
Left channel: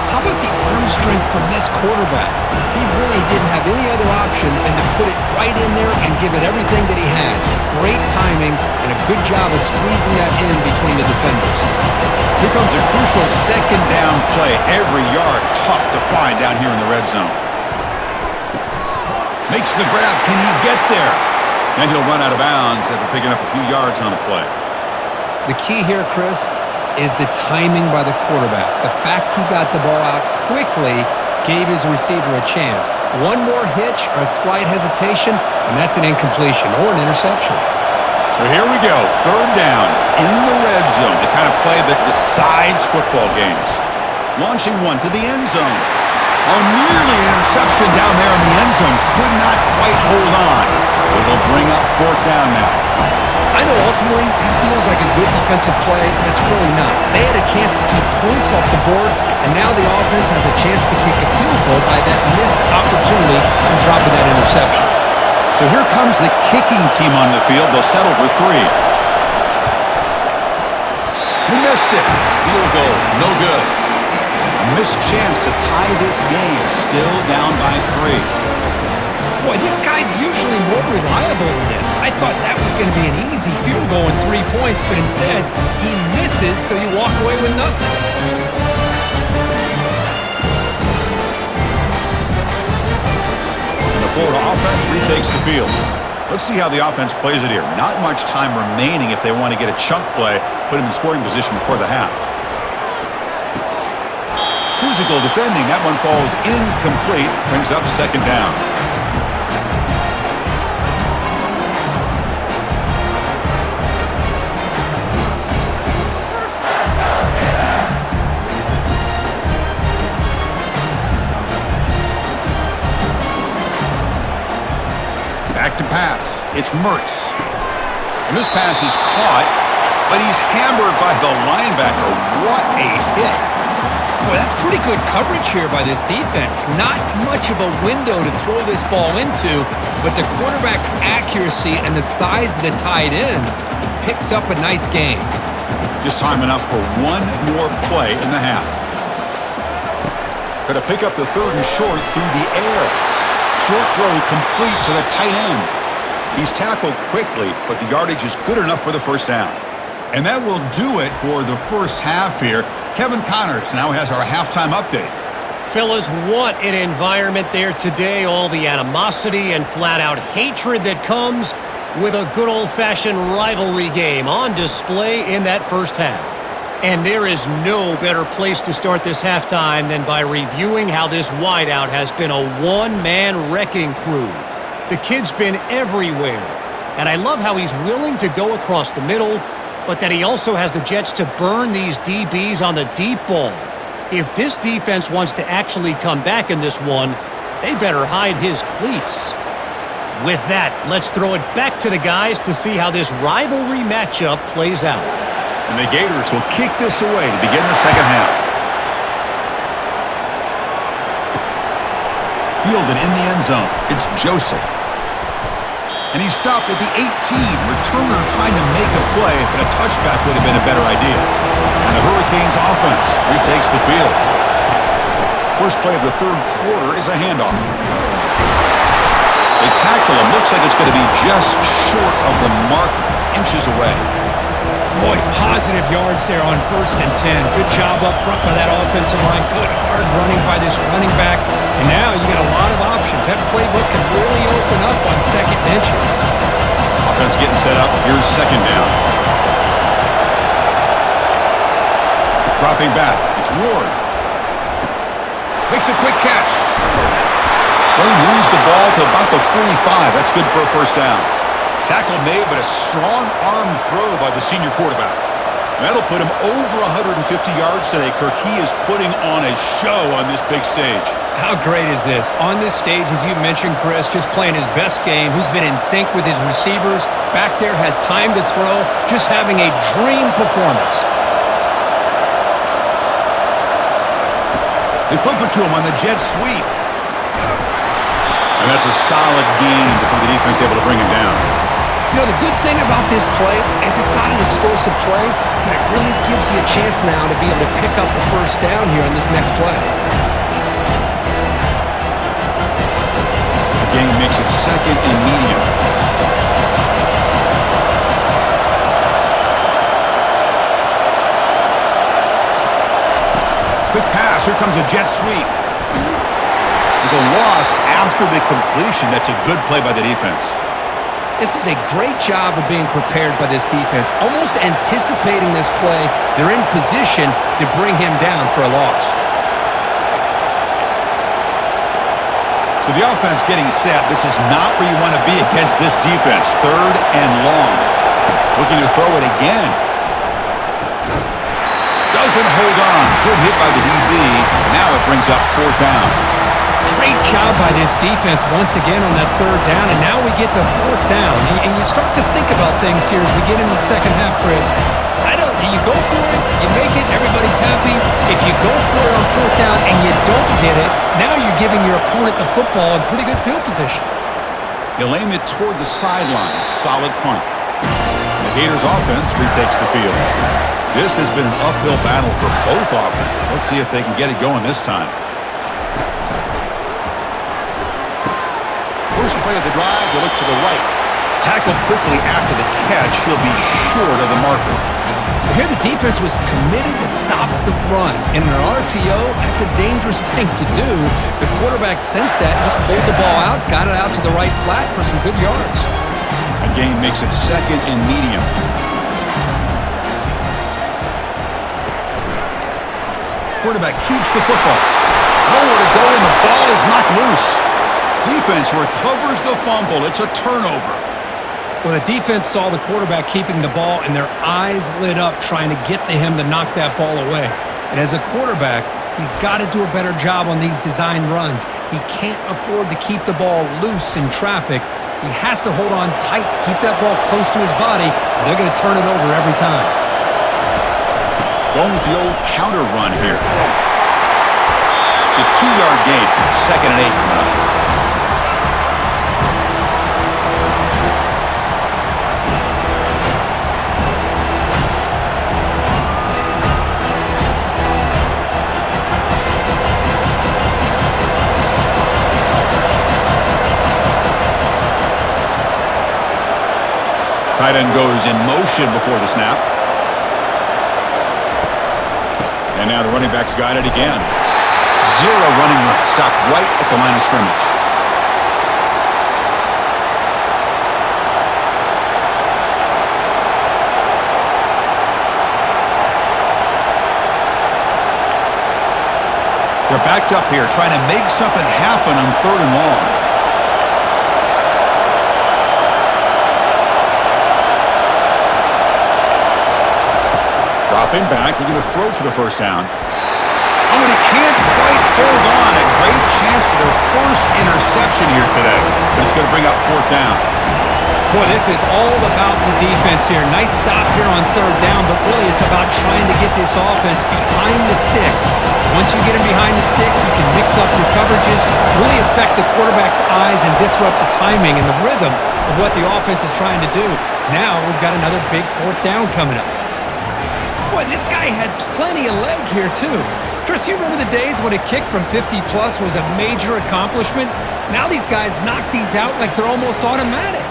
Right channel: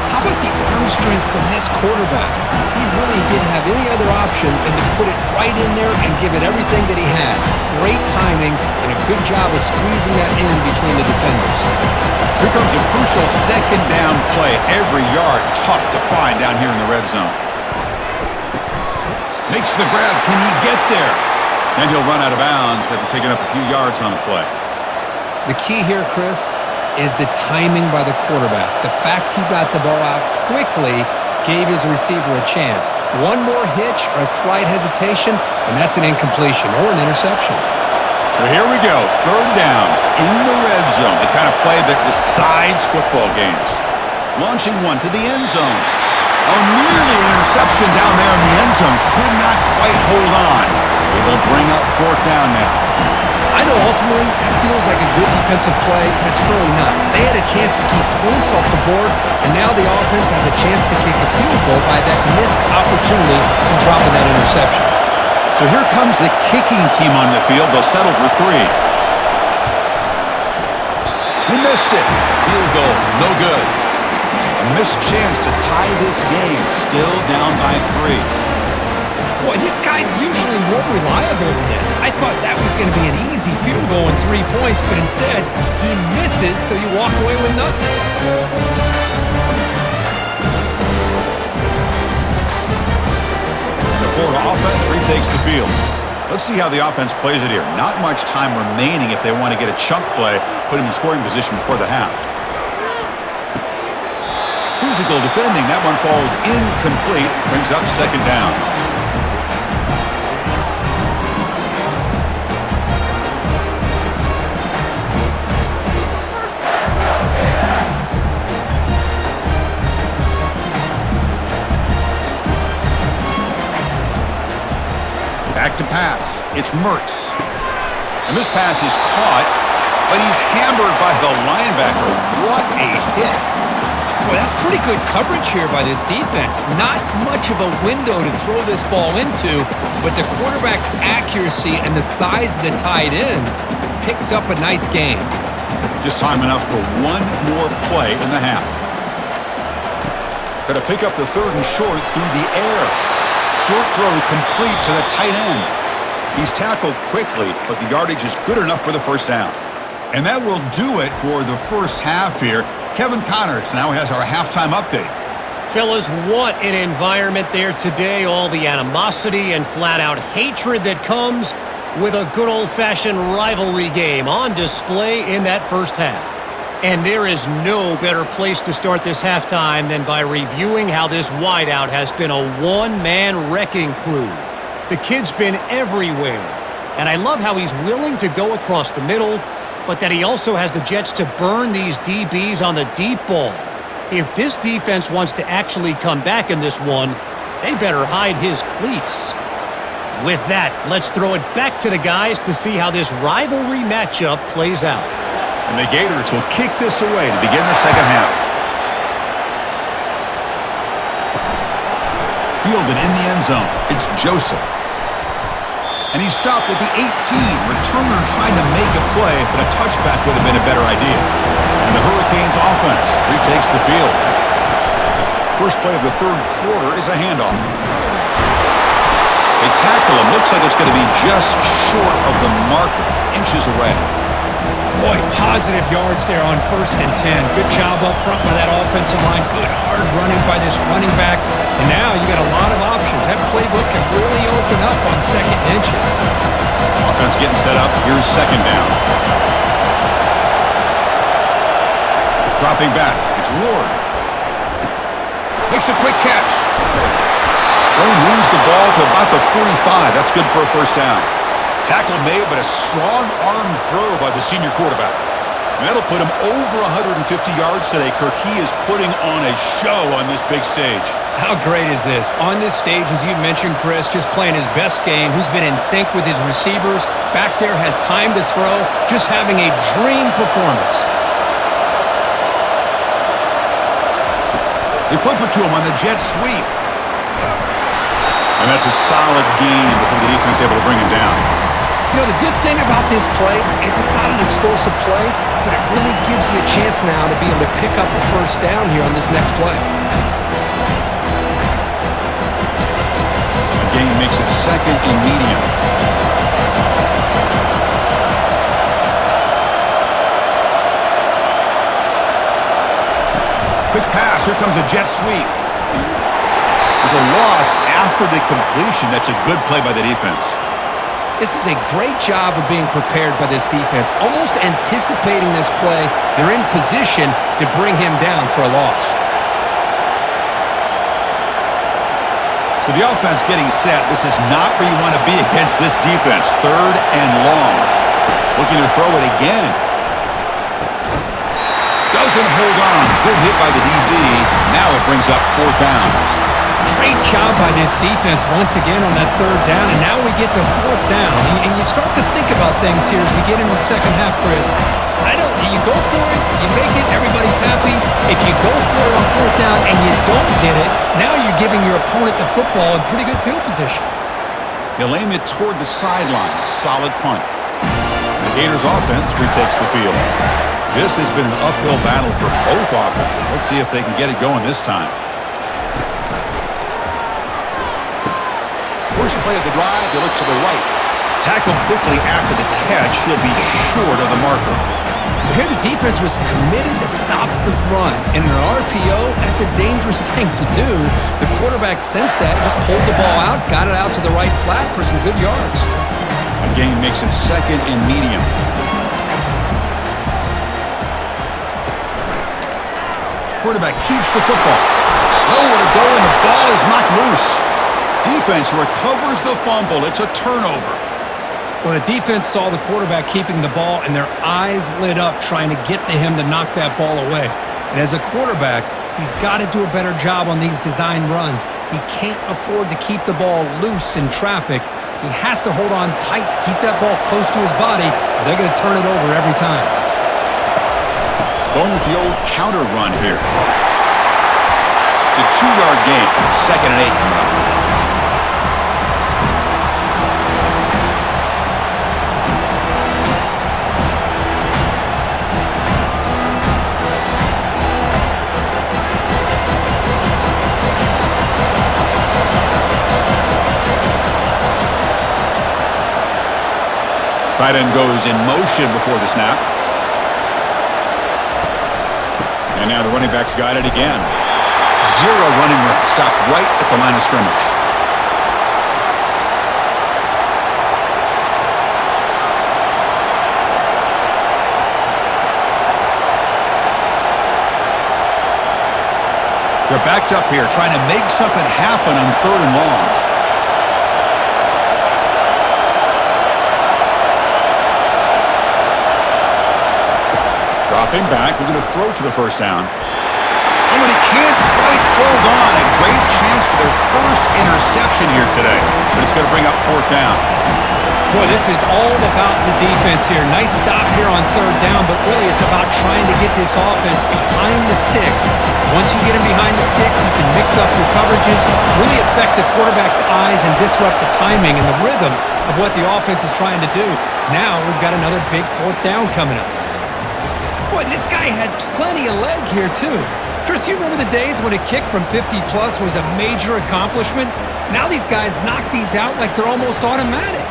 How about the arm strength from this quarterback? He really didn't have any other option than to put it right in there and give it everything that he had. Great timing and a good job of squeezing that in between the defenders. Here comes a crucial 2nd down play. Every yard tough to find down here in the red zone. Makes the grab. Can he get there? And he'll run out of bounds after picking up a few yards on the play. The key here, Chris, is the timing by the quarterback. The fact he got the ball out quickly gave his receiver a chance. One more hitch or a slight hesitation, and that's an incompletion or an interception. So here we go, third down in the red zone, the kind of play that decides football games. Launching one to the end zone. Oh, nearly an interception down there in the end zone. Could not quite hold on. It'll bring up fourth down now. I know ultimately that feels like a good defensive play, but it's really not. They had a chance to keep points off the board, and now the offense has a chance to kick a field goal by that missed opportunity and dropping that interception. So here comes the kicking team on the field. They'll settle for 3. He missed it. Field goal, no good. A missed chance to tie this game, still down by 3. Boy, this guy's usually more reliable than this. I thought that was going to be an easy field goal and 3 points, but instead, he misses, so you walk away with nothing. The Florida offense retakes the field. Let's see how the offense plays it here. Not much time remaining if they want to get a chunk play, put him in scoring position before the half. Physical defending, that one falls incomplete, brings up second down. Back to pass. It's Mertz. And this pass is caught, but he's hammered by the linebacker. What a hit. Boy, that's pretty good coverage here by this defense. Not much of a window to throw this ball into, but the quarterback's accuracy and the size of the tight end picks up a nice game. Just time enough for one more play in the half. Got to pick up the third and short through the air. Short throw complete to the tight end. He's tackled quickly, but the yardage is good enough for the first down. And that will do it for the first half here. Kevin Connors now has our halftime update. Fellas, what an environment there today. All the animosity and flat-out hatred that comes with a good old-fashioned rivalry game on display in that first half. And there is no better place to start this halftime than by reviewing how this wideout has been a one-man wrecking crew. The kid's been everywhere, and I love how he's willing to go across the middle, but that he also has the jets to burn these DBs on the deep ball. If this defense wants to actually come back in this one, they better hide his cleats. With that, let's throw it back to the guys to see how this rivalry matchup plays out. And the Gators will kick this away to begin the second half. Fielded in the end zone. It's Joseph. And he stopped at the 18. Returner trying to make a play, but a touchback would have been a better idea. And the Hurricanes offense retakes the field. First play of the third quarter is a handoff. They tackle him. Looks like it's going to be just short of the marker, inches away. Boy, positive yards there on 1st and 10. Good job up front by that offensive line. Good hard running by this running back. And now you got a lot of options. That playbook can really open up on 2nd and inches. Offense getting set up. Here's second down. Dropping back. It's Ward. Makes a quick catch. They lose the ball to about the 45. That's good for a first down. Tackle made, but a strong arm throw by the senior quarterback. And that'll put him over 150 yards today, Kirk. He is putting on a show on this big stage. How great is this? On this stage, as you mentioned, Chris, just playing his best game. He's been in sync with his receivers. Back there, has time to throw. Just having a dream performance. They flip it to him on the jet sweep. And that's a solid gain before the defense able to bring him down. You know, the good thing about this play is it's not an explosive play, but it really gives you a chance now to be able to pick up a first down here on this next play. The gain makes it 2nd and medium. Quick pass. Here comes a jet sweep. There's a loss after the completion. That's a good play by the defense. This is a great job of being prepared by this defense, almost anticipating this play. They're in position to bring him down for a loss. So the offense getting set. This is not where you want to be against this defense. 3rd and long. Looking to throw it again. Doesn't hold on. Good hit by the DB. Now it brings up 4th down. Great job by this defense once again on that 3rd down, and now we get to 4th down. And you start to think about things here as we get into the second half, Chris. You go for it, you make it, everybody's happy. If you go for it on 4th down and you don't get it, now you're giving your opponent the football in pretty good field position. He'll aim it toward the sideline. Solid punt. The Gators offense retakes the field. This has been an uphill battle for both offenses. Let's see if they can get it going this time. First play of the drive, they look to the right. Tackled quickly after the catch. He'll be short of the marker. Here the defense was committed to stop the run. And in an RPO, that's a dangerous thing to do. The quarterback sensed that, just pulled the ball out, got it out to the right flat for some good yards. A gain makes it 2nd and medium. Quarterback keeps the football. Nowhere to go, and the ball is knocked loose. Defense recovers the fumble. It's a turnover. Well, the defense saw the quarterback keeping the ball, and their eyes lit up trying to get to him to knock that ball away. And as a quarterback, he's got to do a better job on these design runs. He can't afford to keep the ball loose in traffic. He has to hold on tight, keep that ball close to his body, or they're going to turn it over every time. Going with the old counter run here. It's a 2-yard gain. 2nd and 8 coming up. Tight end goes in motion before the snap. And now the running back's got it again. 0 running room. Stopped right at the line of scrimmage. They're backed up here trying to make something happen on 3rd and long. Dropping back, looking to throw for the 1st down. Oh, and he can't quite hold on. A great chance for their first interception here today, but it's going to bring up 4th down. Boy, this is all about the defense here. Nice stop here on 3rd down, but really it's about trying to get this offense behind the sticks. Once you get him behind the sticks, you can mix up your coverages, really affect the quarterback's eyes and disrupt the timing and the rhythm of what the offense is trying to do. Now we've got another big 4th down coming up. Boy, this guy had plenty of leg here, too. Chris, you remember the days when a kick from 50-plus was a major accomplishment? Now these guys knock these out like they're almost automatic.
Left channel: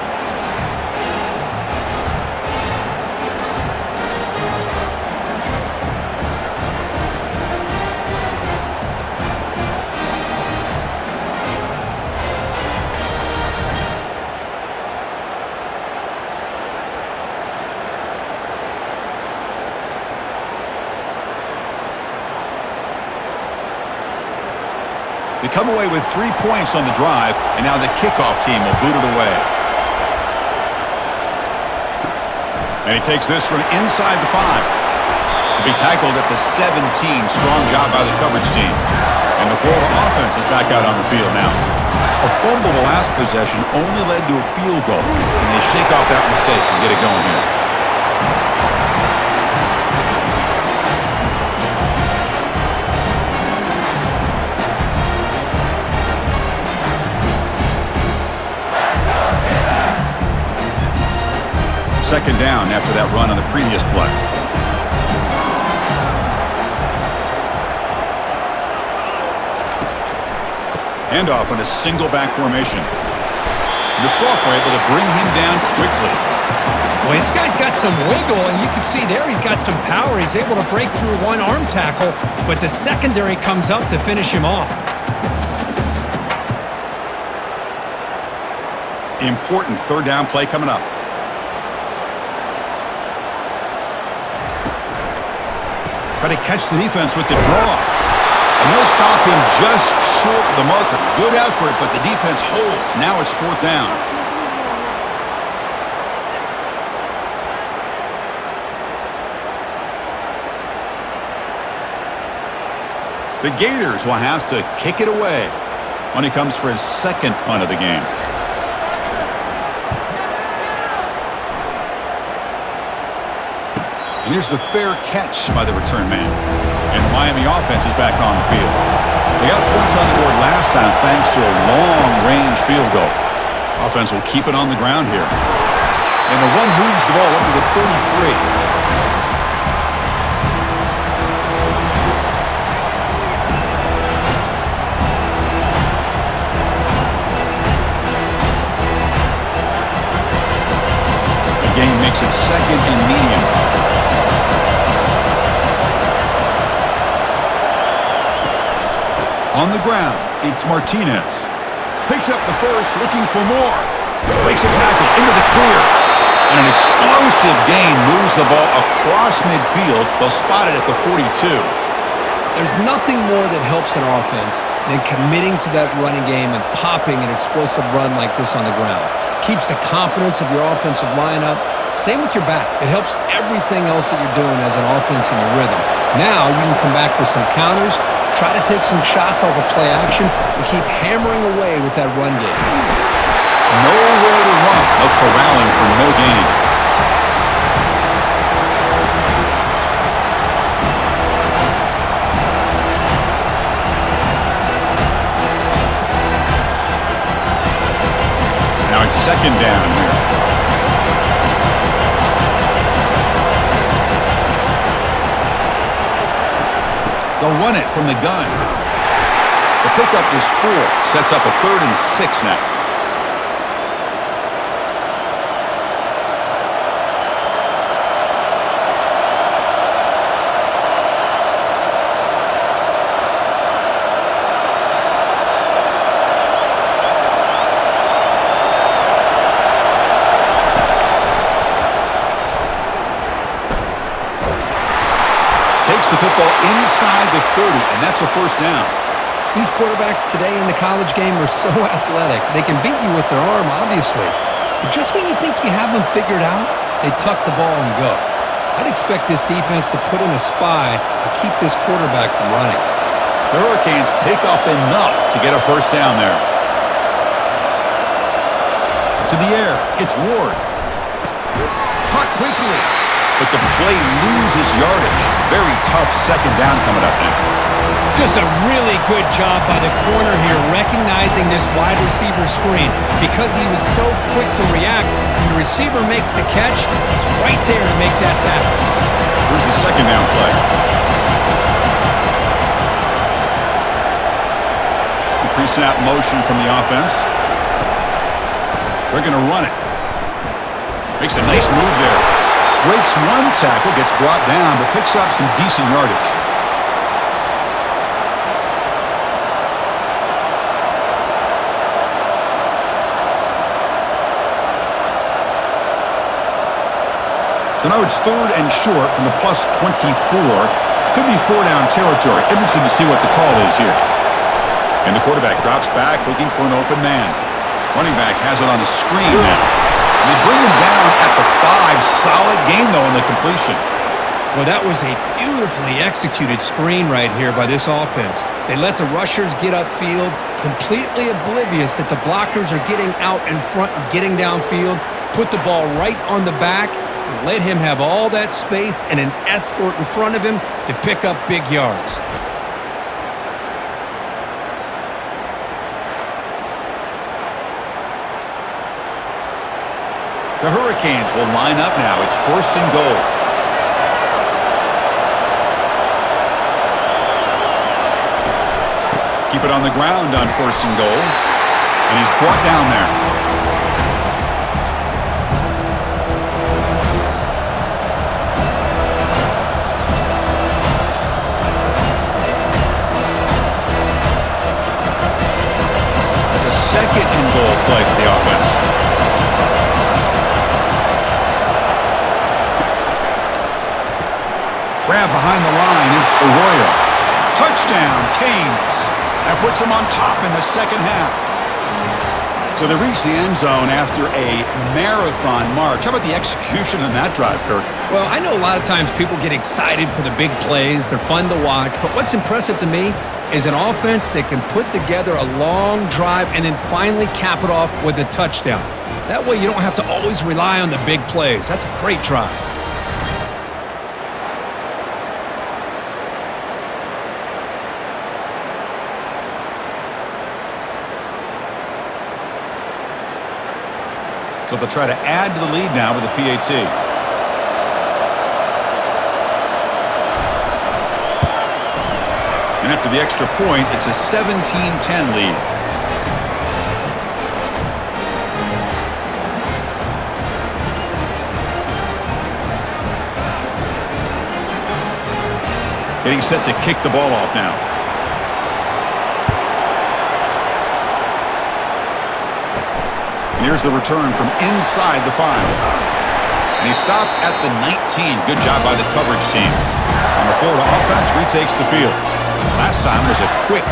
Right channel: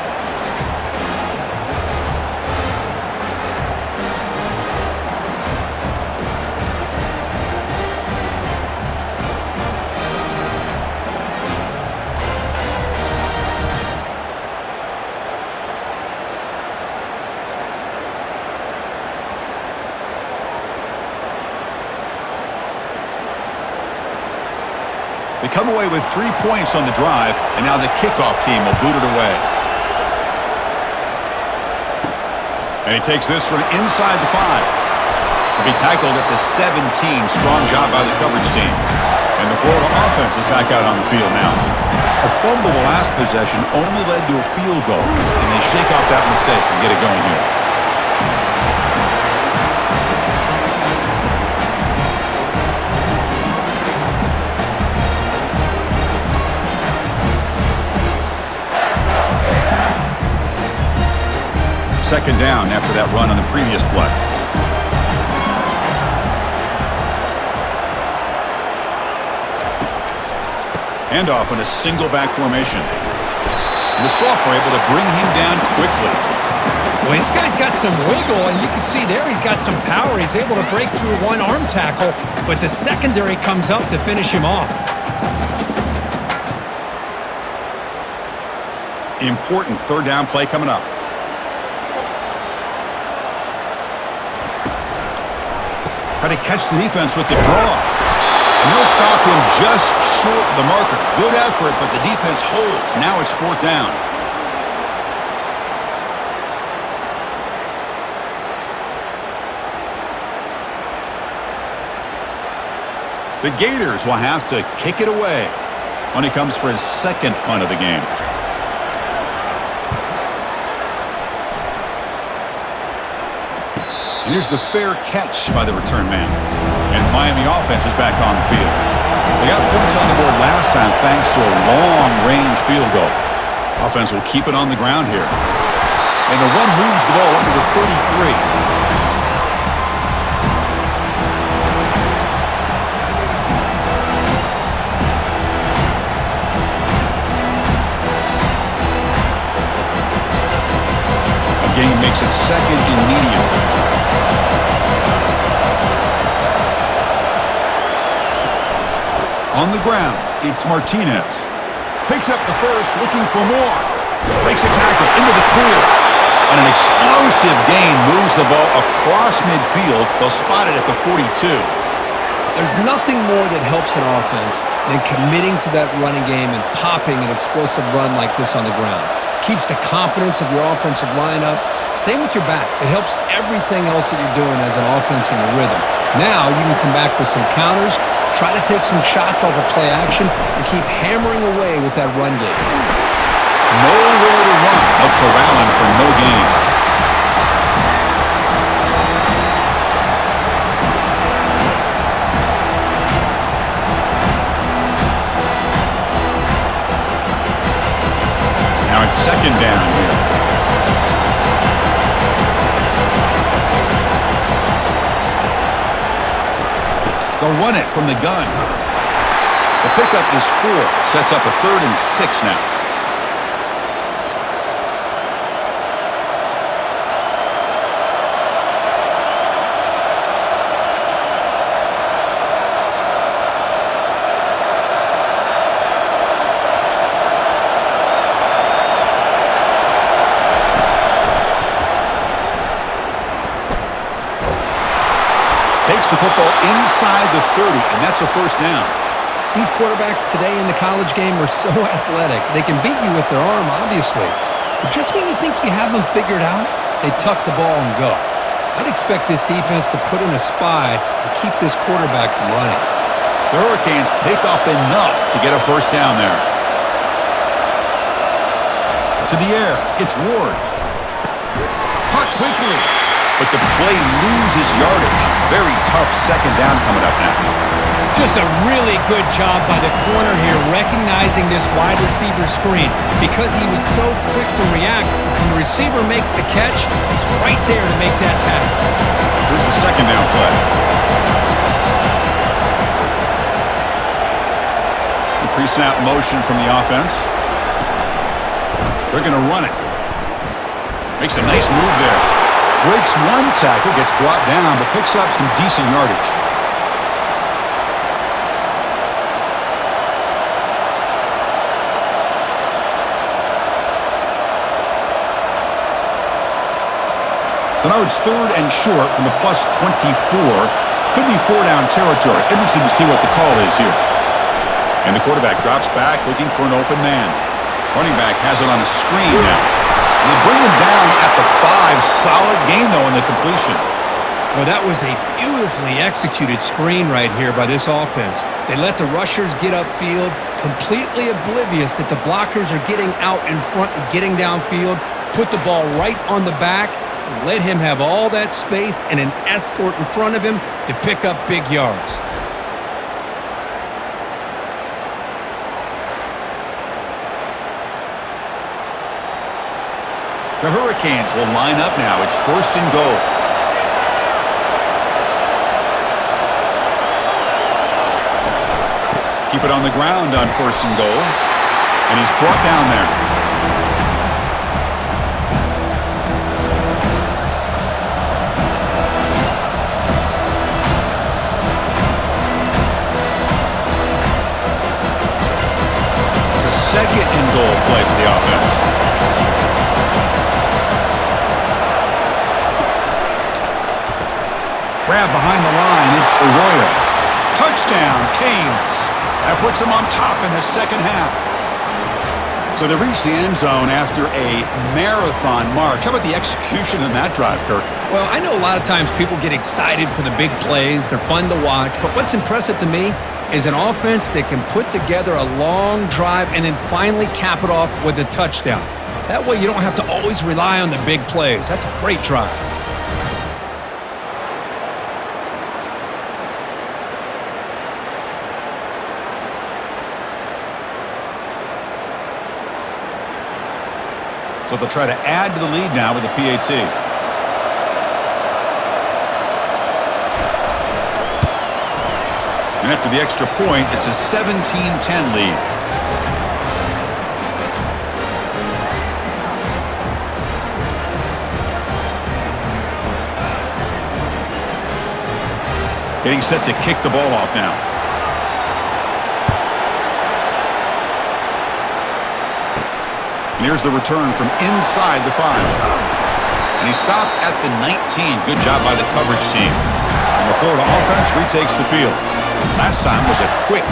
They come away with 3 points on the drive, and now the kickoff team will boot it away. And he takes this from inside the 5. He'll be tackled at the 17. Strong job by the coverage team. And the Florida offense is back out on the field now. A fumble the last possession only led to a field goal, and they shake off that mistake and get it going here. Second down after that run on the previous play. Handoff on a single back formation. The sophomore able to bring him down quickly. Well, this guy's got some wiggle, and you can see there he's got some power. He's able to break through one arm tackle, but the secondary comes up to finish him off. Important third down play coming up. Try to catch the defense with the draw. And they'll stop him just short of the marker. Good effort, but the defense holds. Now it's fourth down. The Gators will have to kick it away when he comes for his second punt of the game. And here's the fair catch by the return man. And the Miami offense is back on the field. They got points on the board last time thanks to a long-range field goal. Offense will keep it on the ground here. And the run moves the ball up to the 33. Game makes it second and medium. On the ground, it's Martinez. Picks up the first, looking for more. Breaks a tackle into the clear. And an explosive gain moves the ball across midfield. They'll spot it at the 42. There's nothing more that helps an offense than committing to that running game and popping an explosive run like this on the ground. Keeps the confidence of your offensive lineup. Same with your back. It helps everything else that you're doing as an offense in your rhythm. Now you can come back with some counters, try to take some shots off of play action, and keep hammering away with that run game. Nowhere to run. No corralling for no gain. Now it's second down here. They'll run it from the gun. The pickup is 4. Sets up a 3rd and 6 now. Takes the football inside the 30, and that's a first down. These quarterbacks today in the college game are so athletic. They can beat you with their arm, obviously. But just when you think you have them figured out, they tuck the ball and go. I'd expect this defense to put in a spy to keep this quarterback from running. The Hurricanes pick up enough to get a first down there. To the air, it's Ward. Caught quickly. But the play loses yardage. Very tough second down coming up now. Just a really good job by the corner here recognizing this wide receiver screen. Because he was so quick to react, when the receiver makes the catch, he's right there to make that tackle. Here's the second down play. The pre-snap motion from the offense. They're going to run it. Makes a nice move there. Breaks one tackle, gets brought down, but picks up some decent yardage. So now it's 3rd and short from the plus 24. Could be 4-down territory. Interesting to see what the call is here. And the quarterback drops back, looking for an open man. Running back has it on a screen now. They bring him down at the 5. Solid gain, though, in the completion. Well, that was a beautifully executed screen right here by this offense. They let the rushers get upfield, completely oblivious that the blockers are getting out in front and getting downfield, put the ball right on the back, and let him have all that space and an escort in front of him to pick up big yards. The Hurricanes will line up now. It's 1st and goal. Keep it on the ground on 1st and goal. And he's brought down there. It's a 2nd and goal play for the offense. Grab behind the line. It's Arroyo. Touchdown, Canes. That puts them on top in the second half. So they reach the end zone after a marathon march. How about the execution in that drive, Kirk? Well, I know a lot of times people get excited for the big plays. They're fun to watch. But what's impressive to me is an offense that can put together a long drive and then finally cap it off with a touchdown. That way you don't have to always rely on the big plays. That's a great drive. So they'll try to add to the lead now with the PAT. And after the extra point, it's a 17-10 lead. Getting set to kick the ball off now. And here's the return from inside the 5. And he stopped at the 19. Good job by the coverage team. And the Florida offense retakes the field. Last time was a quick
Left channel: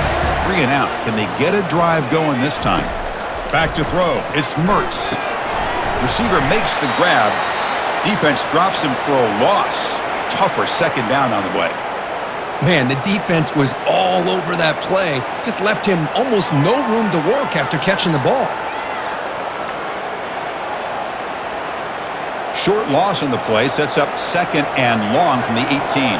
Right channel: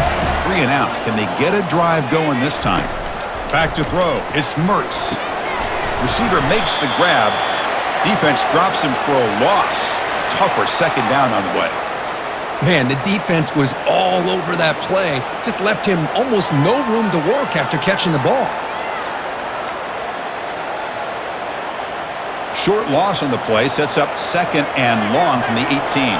3-and-out. Can they get a drive going this time? Back to throw. It's Mertz. Receiver makes the grab. Defense drops him for a loss. Tougher second down on the way. Man, the defense was all over that play. Just left him almost no room to work after catching the ball. Short loss on the play sets up second and long from the 18.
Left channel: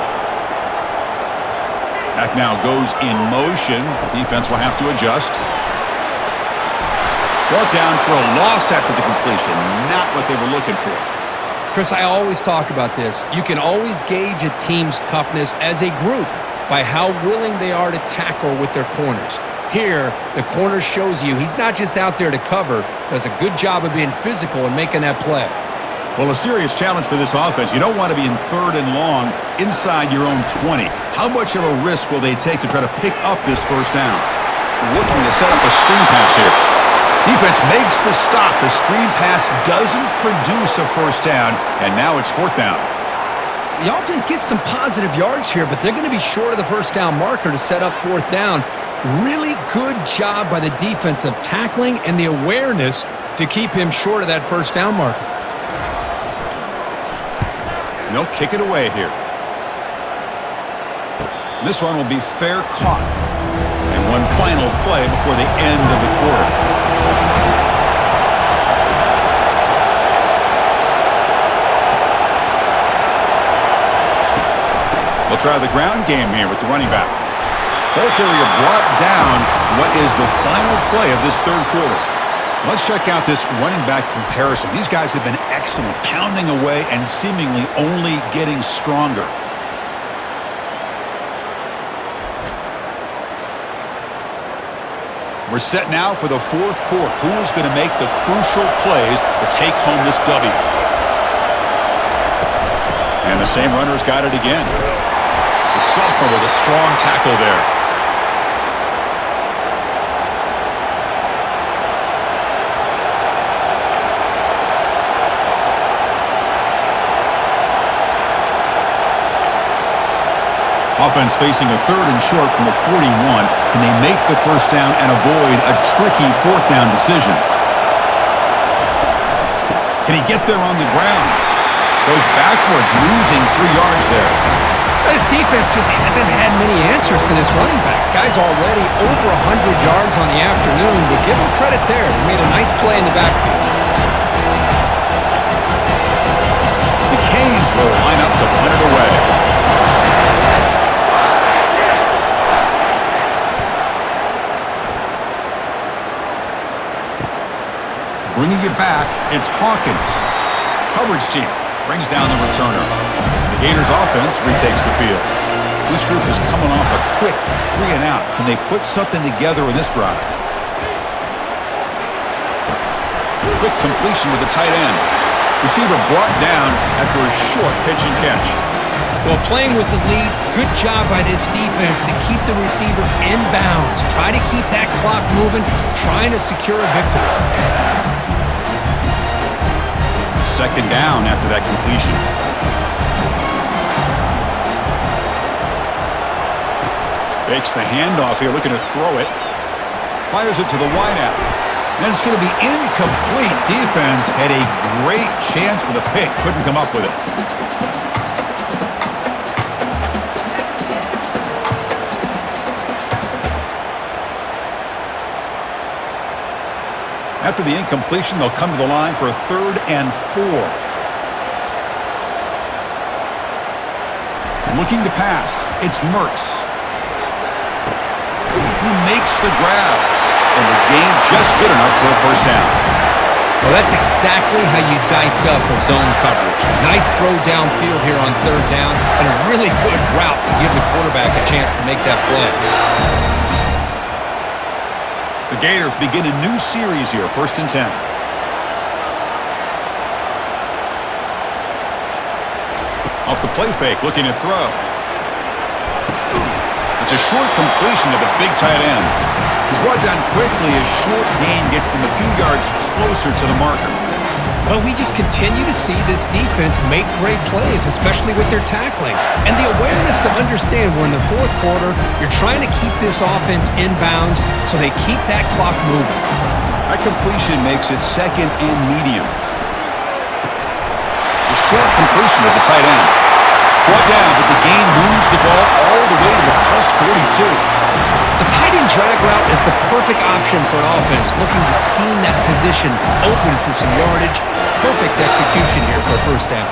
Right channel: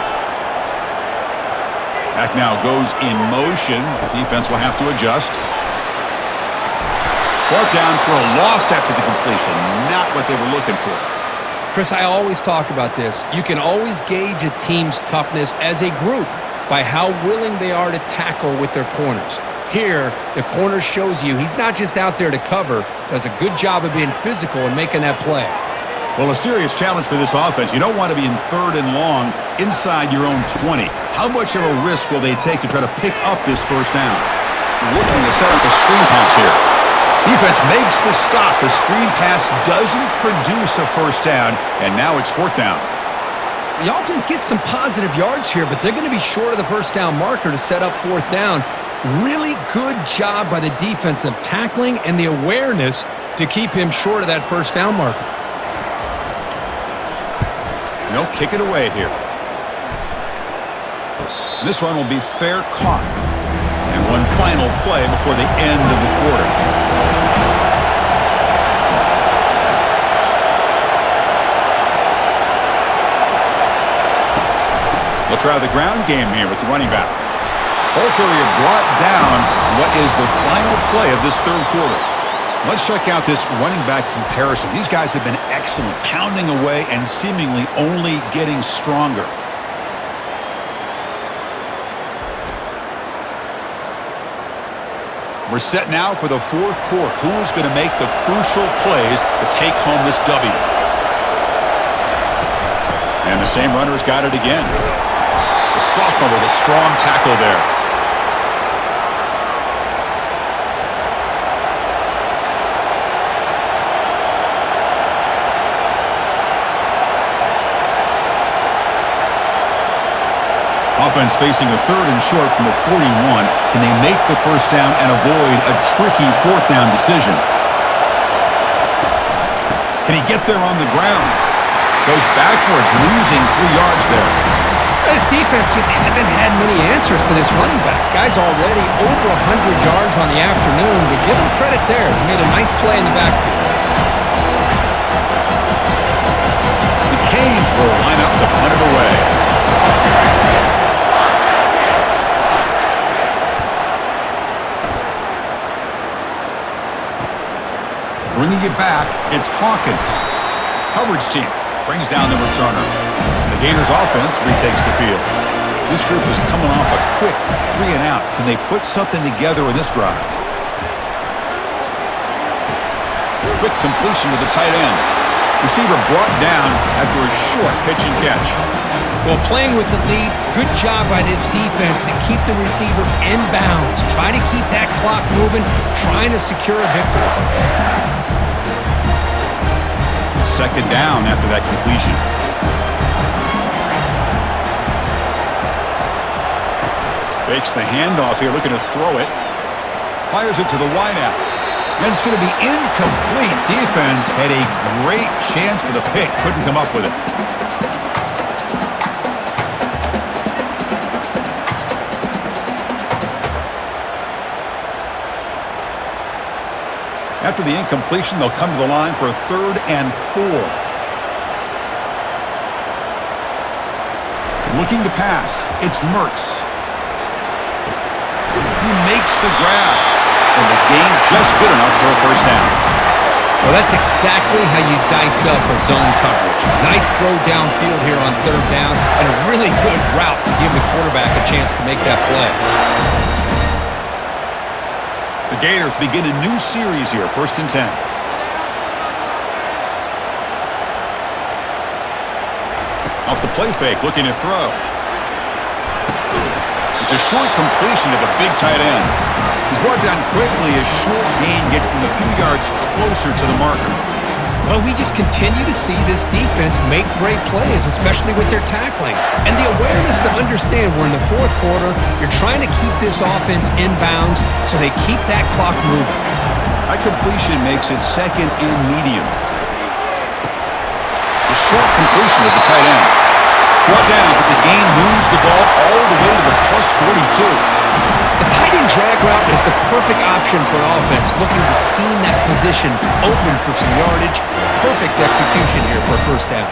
Back now goes in motion. Defense will have to adjust. Brought down for a loss after the completion. Not what they were looking for. Chris, I always talk about this. You can always gauge a team's toughness as a group by how willing they are to tackle with their corners. Here, the corner shows you he's not just out there to cover, does a good job of being physical and making that play. Well, a serious challenge for this offense. You don't want to be in third and long inside your own 20. How much of a risk will they take to try to pick up this first down? Looking to set up a screen pass here. Defense makes the stop. The screen pass doesn't produce a first down, and now it's fourth down. The offense gets some positive yards here, but they're going to be short of the first down marker to set up fourth down. Really good job by the defense of tackling and the awareness to keep him short of that first down marker. They'll kick it away here. This one will be fair caught. And one final play before the end of the quarter. They'll try the ground game here with the running back. Ball carrier brought down. What is the final play of this third quarter? Let's check out this running back comparison. These guys have been excellent, pounding away and seemingly only getting stronger. We're set now for the fourth quarter. Who is going to make the crucial plays to take home this W? And the same runner's got it again. The sophomore with a strong tackle there. Offense facing a third and short from the 41. Can they make the first down and avoid a tricky fourth down decision? Can he get there on the ground? Goes backwards, losing 3 yards there. This defense just hasn't had many answers for this running back. Guy's already over 100 yards on the afternoon, but give him credit there. He made a nice play in the backfield. The Canes will line up to punt it away. Bringing it back, it's Hawkins. Coverage team brings down the returner. The Gators offense retakes the field. This group is coming off a quick 3-and-out. Can they put something together in this drive? Quick completion to the tight end. Receiver brought down after a short pitch and catch. Well, playing with the lead, good job by this defense to keep the receiver in bounds. Try to keep that clock moving, trying to secure a victory. Second down after that completion. Fakes the handoff here, looking to throw it. Fires it to the wideout. And it's going to be incomplete. Defense had a great chance for the pick. Couldn't come up with it. After the incompletion, they'll come to the line for a 3rd and 4. Looking to pass. It's Mertz. He makes the grab. And the gain just good enough for a first down. Well, that's exactly how you dice up a zone coverage. Nice throw downfield here on 3rd down, and a really good route to give the quarterback a chance to make that play. The Gators begin a new series here, 1st and 10. Off the play fake, looking to throw. It's a short completion to the big tight end. He's brought down quickly. A short gain gets them a few yards closer to the marker. Well, we just continue to see this defense make great plays, especially with their tackling. And the awareness to understand we're in the 4th quarter, you're trying to keep this offense in bounds so they keep that clock moving. That completion makes it 2nd and medium. The short completion of the tight end. Brought down, but the gain moves the ball all the way to the +42. The tight end drag route is the perfect option for an offense looking to scheme that position open for some yardage. Perfect execution here for a first down.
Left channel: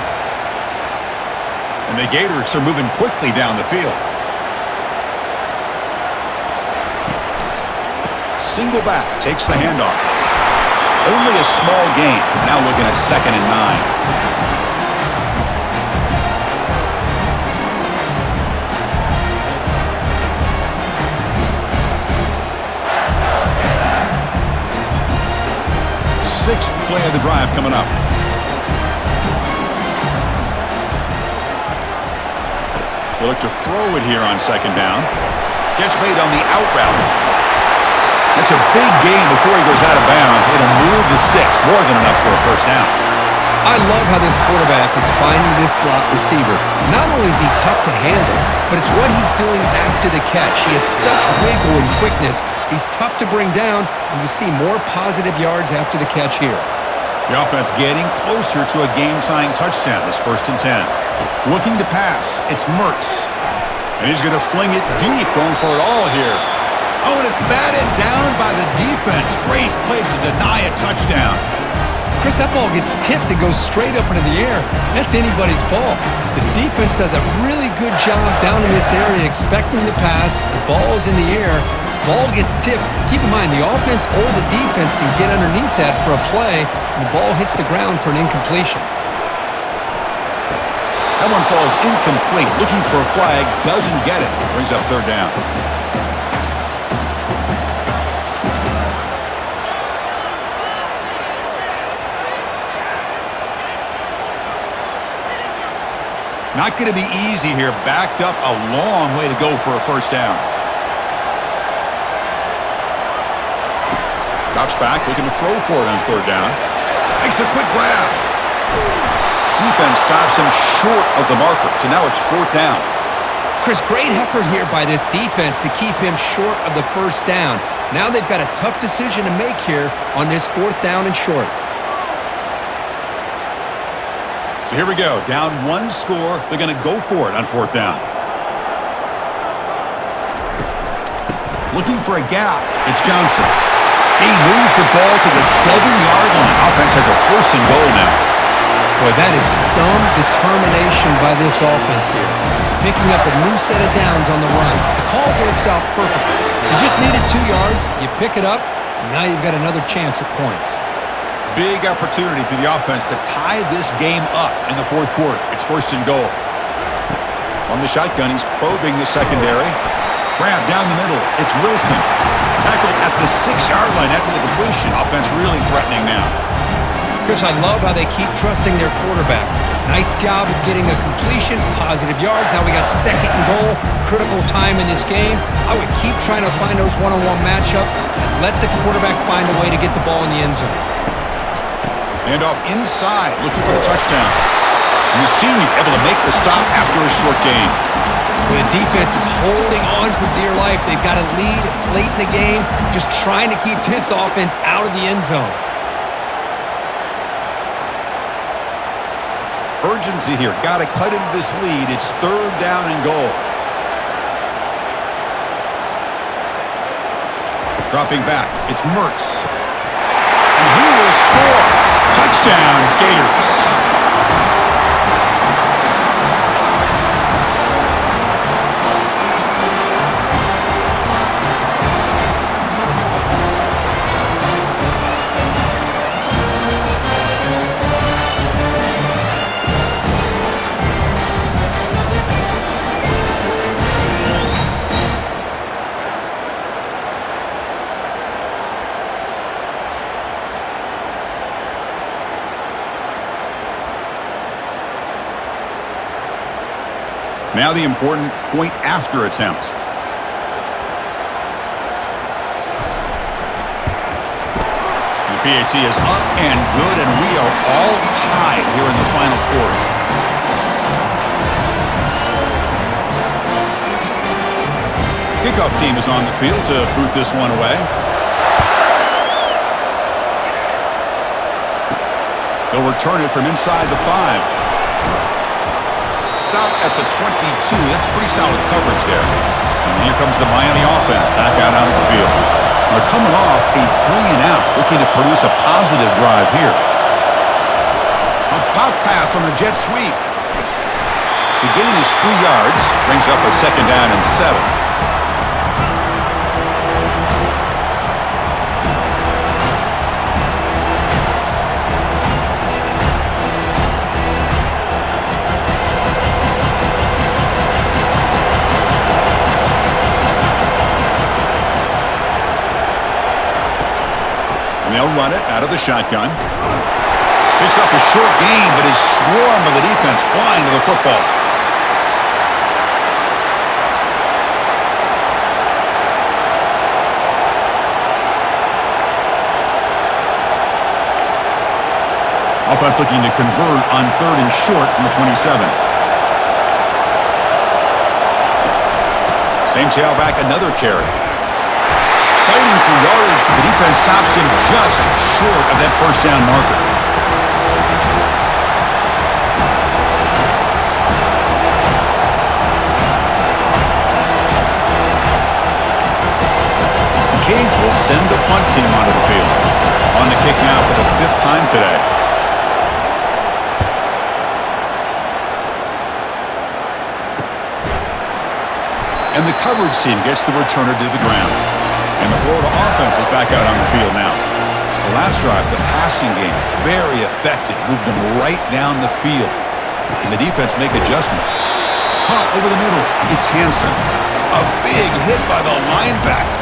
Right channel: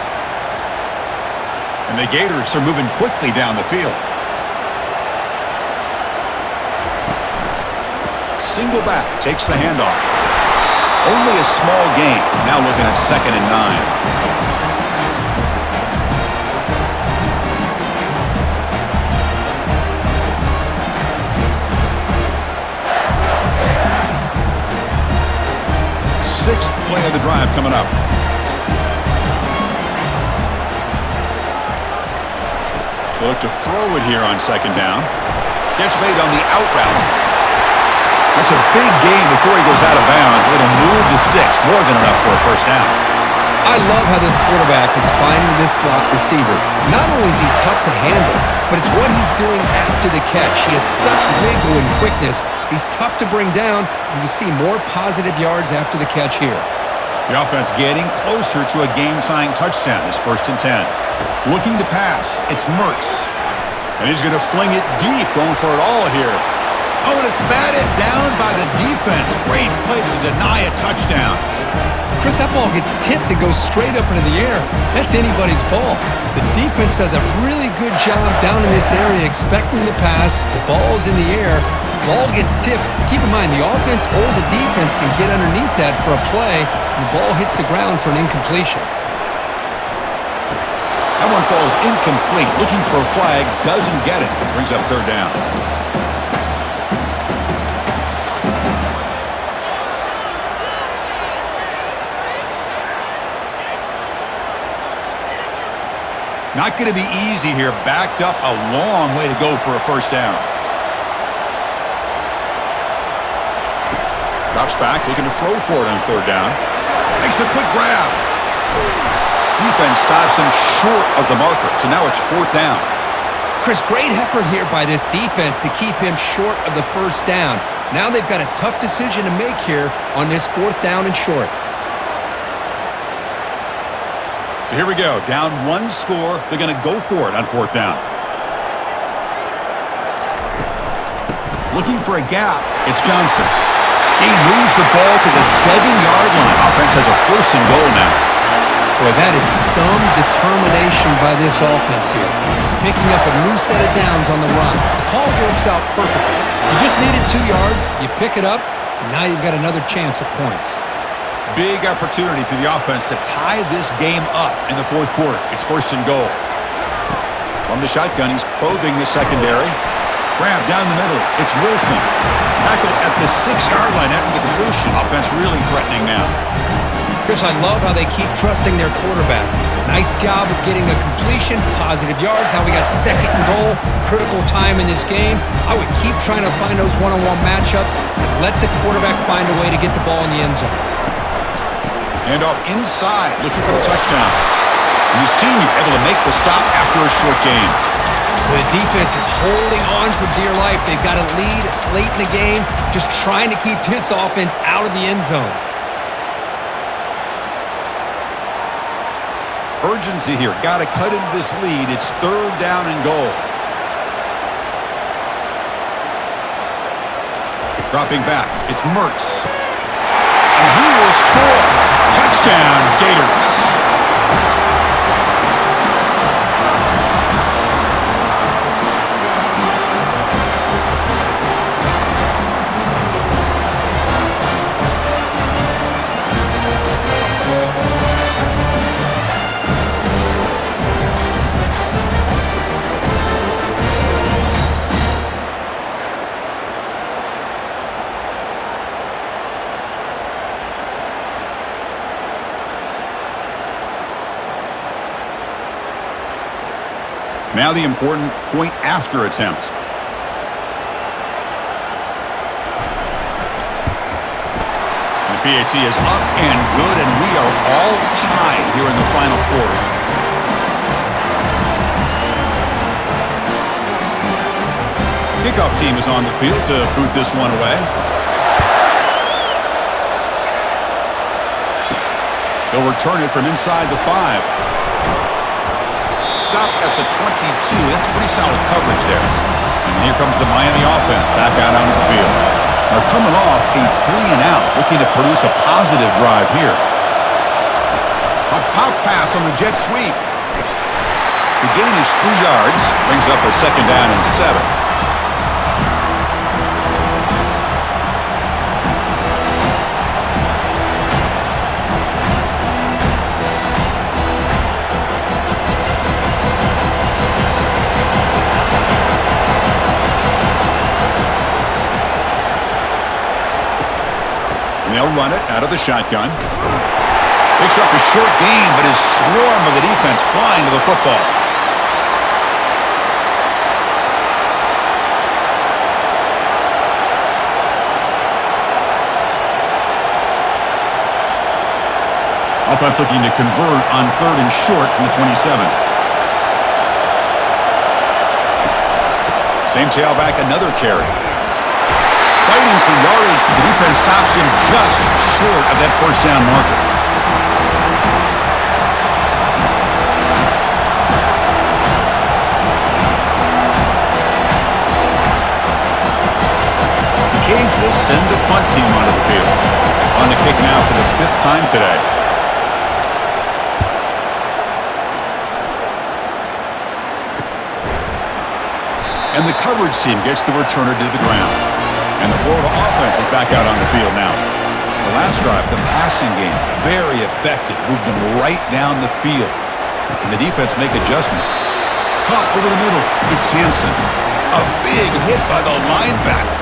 And the Gators are moving quickly down the field. Single back takes the handoff. Only a small gain. Now looking at 2nd and 9. Sixth play of the drive coming up. They look to throw it here on 2nd down. Catch made on the out route. That's a big gain before he goes out of bounds. It'll move the sticks. More than enough for a first down. I love how this quarterback is finding this slot receiver. Not only is he tough to handle, but it's what he's doing after the catch. He has such wiggle and quickness. He's tough to bring down, and you see more positive yards after the catch here. The offense getting closer to a game-tying touchdown. It's 1st and 10. Looking to pass. It's Mertz. And he's going to fling it deep, going for it all here. Oh, and it's batted down by the defense. Great play to deny a touchdown. Chris, that ball gets tipped and goes straight up into the air. That's anybody's ball. The defense does a really good job down in this area expecting the pass. The ball's in the air. Ball gets tipped. Keep in mind, the offense or the defense can get underneath that for a play, and the ball hits the ground for an incompletion. That one falls incomplete. Looking for a flag. Doesn't get it. Brings up 3rd down. Not going to be easy here. Backed up a long way to go for a first down. Drops back, looking to throw for it on 3rd down. Makes a quick grab. Defense stops him short of the marker, so now it's 4th down. Chris, great effort here by this defense to keep him short of the first down. Now they've got a tough decision to make here on this 4th down and short. So here we go. Down 1 score. They're going to go for it on 4th down. Looking for a gap. It's Johnson. He moves the ball to the 7-yard line. Offense has a 1st and goal now. Boy, that is some determination by this offense here. Picking up a new set of downs on the run. The call works out perfectly. You just needed 2 yards. You pick it up, and now you've got another chance at points. Big opportunity for the offense to tie this game up in the 4th quarter. It's 1st and goal. From the shotgun, he's probing the secondary. Grab down the middle. It's Wilson. Tackled at the 6-yard line after the completion. Offense really threatening now. Chris, I love how they keep trusting their quarterback. Nice job of getting a completion, positive yards. Now we got 2nd and goal, critical time in this game. I would keep trying to find those one-on-one matchups and let the quarterback find a way to get the ball in the end zone. And off inside, looking for the touchdown. And the senior able to make the stop after a short gain. The defense is holding on for dear life. They've got a lead. It's late in the game. Just trying to keep this offense out of the end zone. Urgency here. Got to cut into this lead. It's 3rd down and goal. Dropping back. It's Mertz. And he will score. Touchdown, Gators. Now the important point after attempt. The PAT is up and good, and we are all tied here in the final quarter. Kickoff team is on the field to boot this one away. They'll return it from inside the 5. Stop at the 22. That's pretty solid coverage there. And here comes the Miami offense back out onto the field. They're coming off a 3-and-out, looking to produce a positive drive here. A pop pass on the jet sweep. The gain is 3 yards, brings up a 2nd down and 7. They'll run it out of the shotgun. Picks up a short gain, but his swarm of the defense flying to the football. Offense looking to convert on 3rd and short from the 27. Same tailback, another carry. Fighting for yardage, but the defense stops him just short of that 1st down marker. The Canes will send the punt team onto the field. On the kick now for the 5th time today. And the coverage team gets the returner to the ground. And the Florida offense is back out on the field now. The last drive, the passing game, very effective. Moved them right down the field. Can the defense make adjustments? Caught over the middle. It's Hansen. A big hit by the linebacker.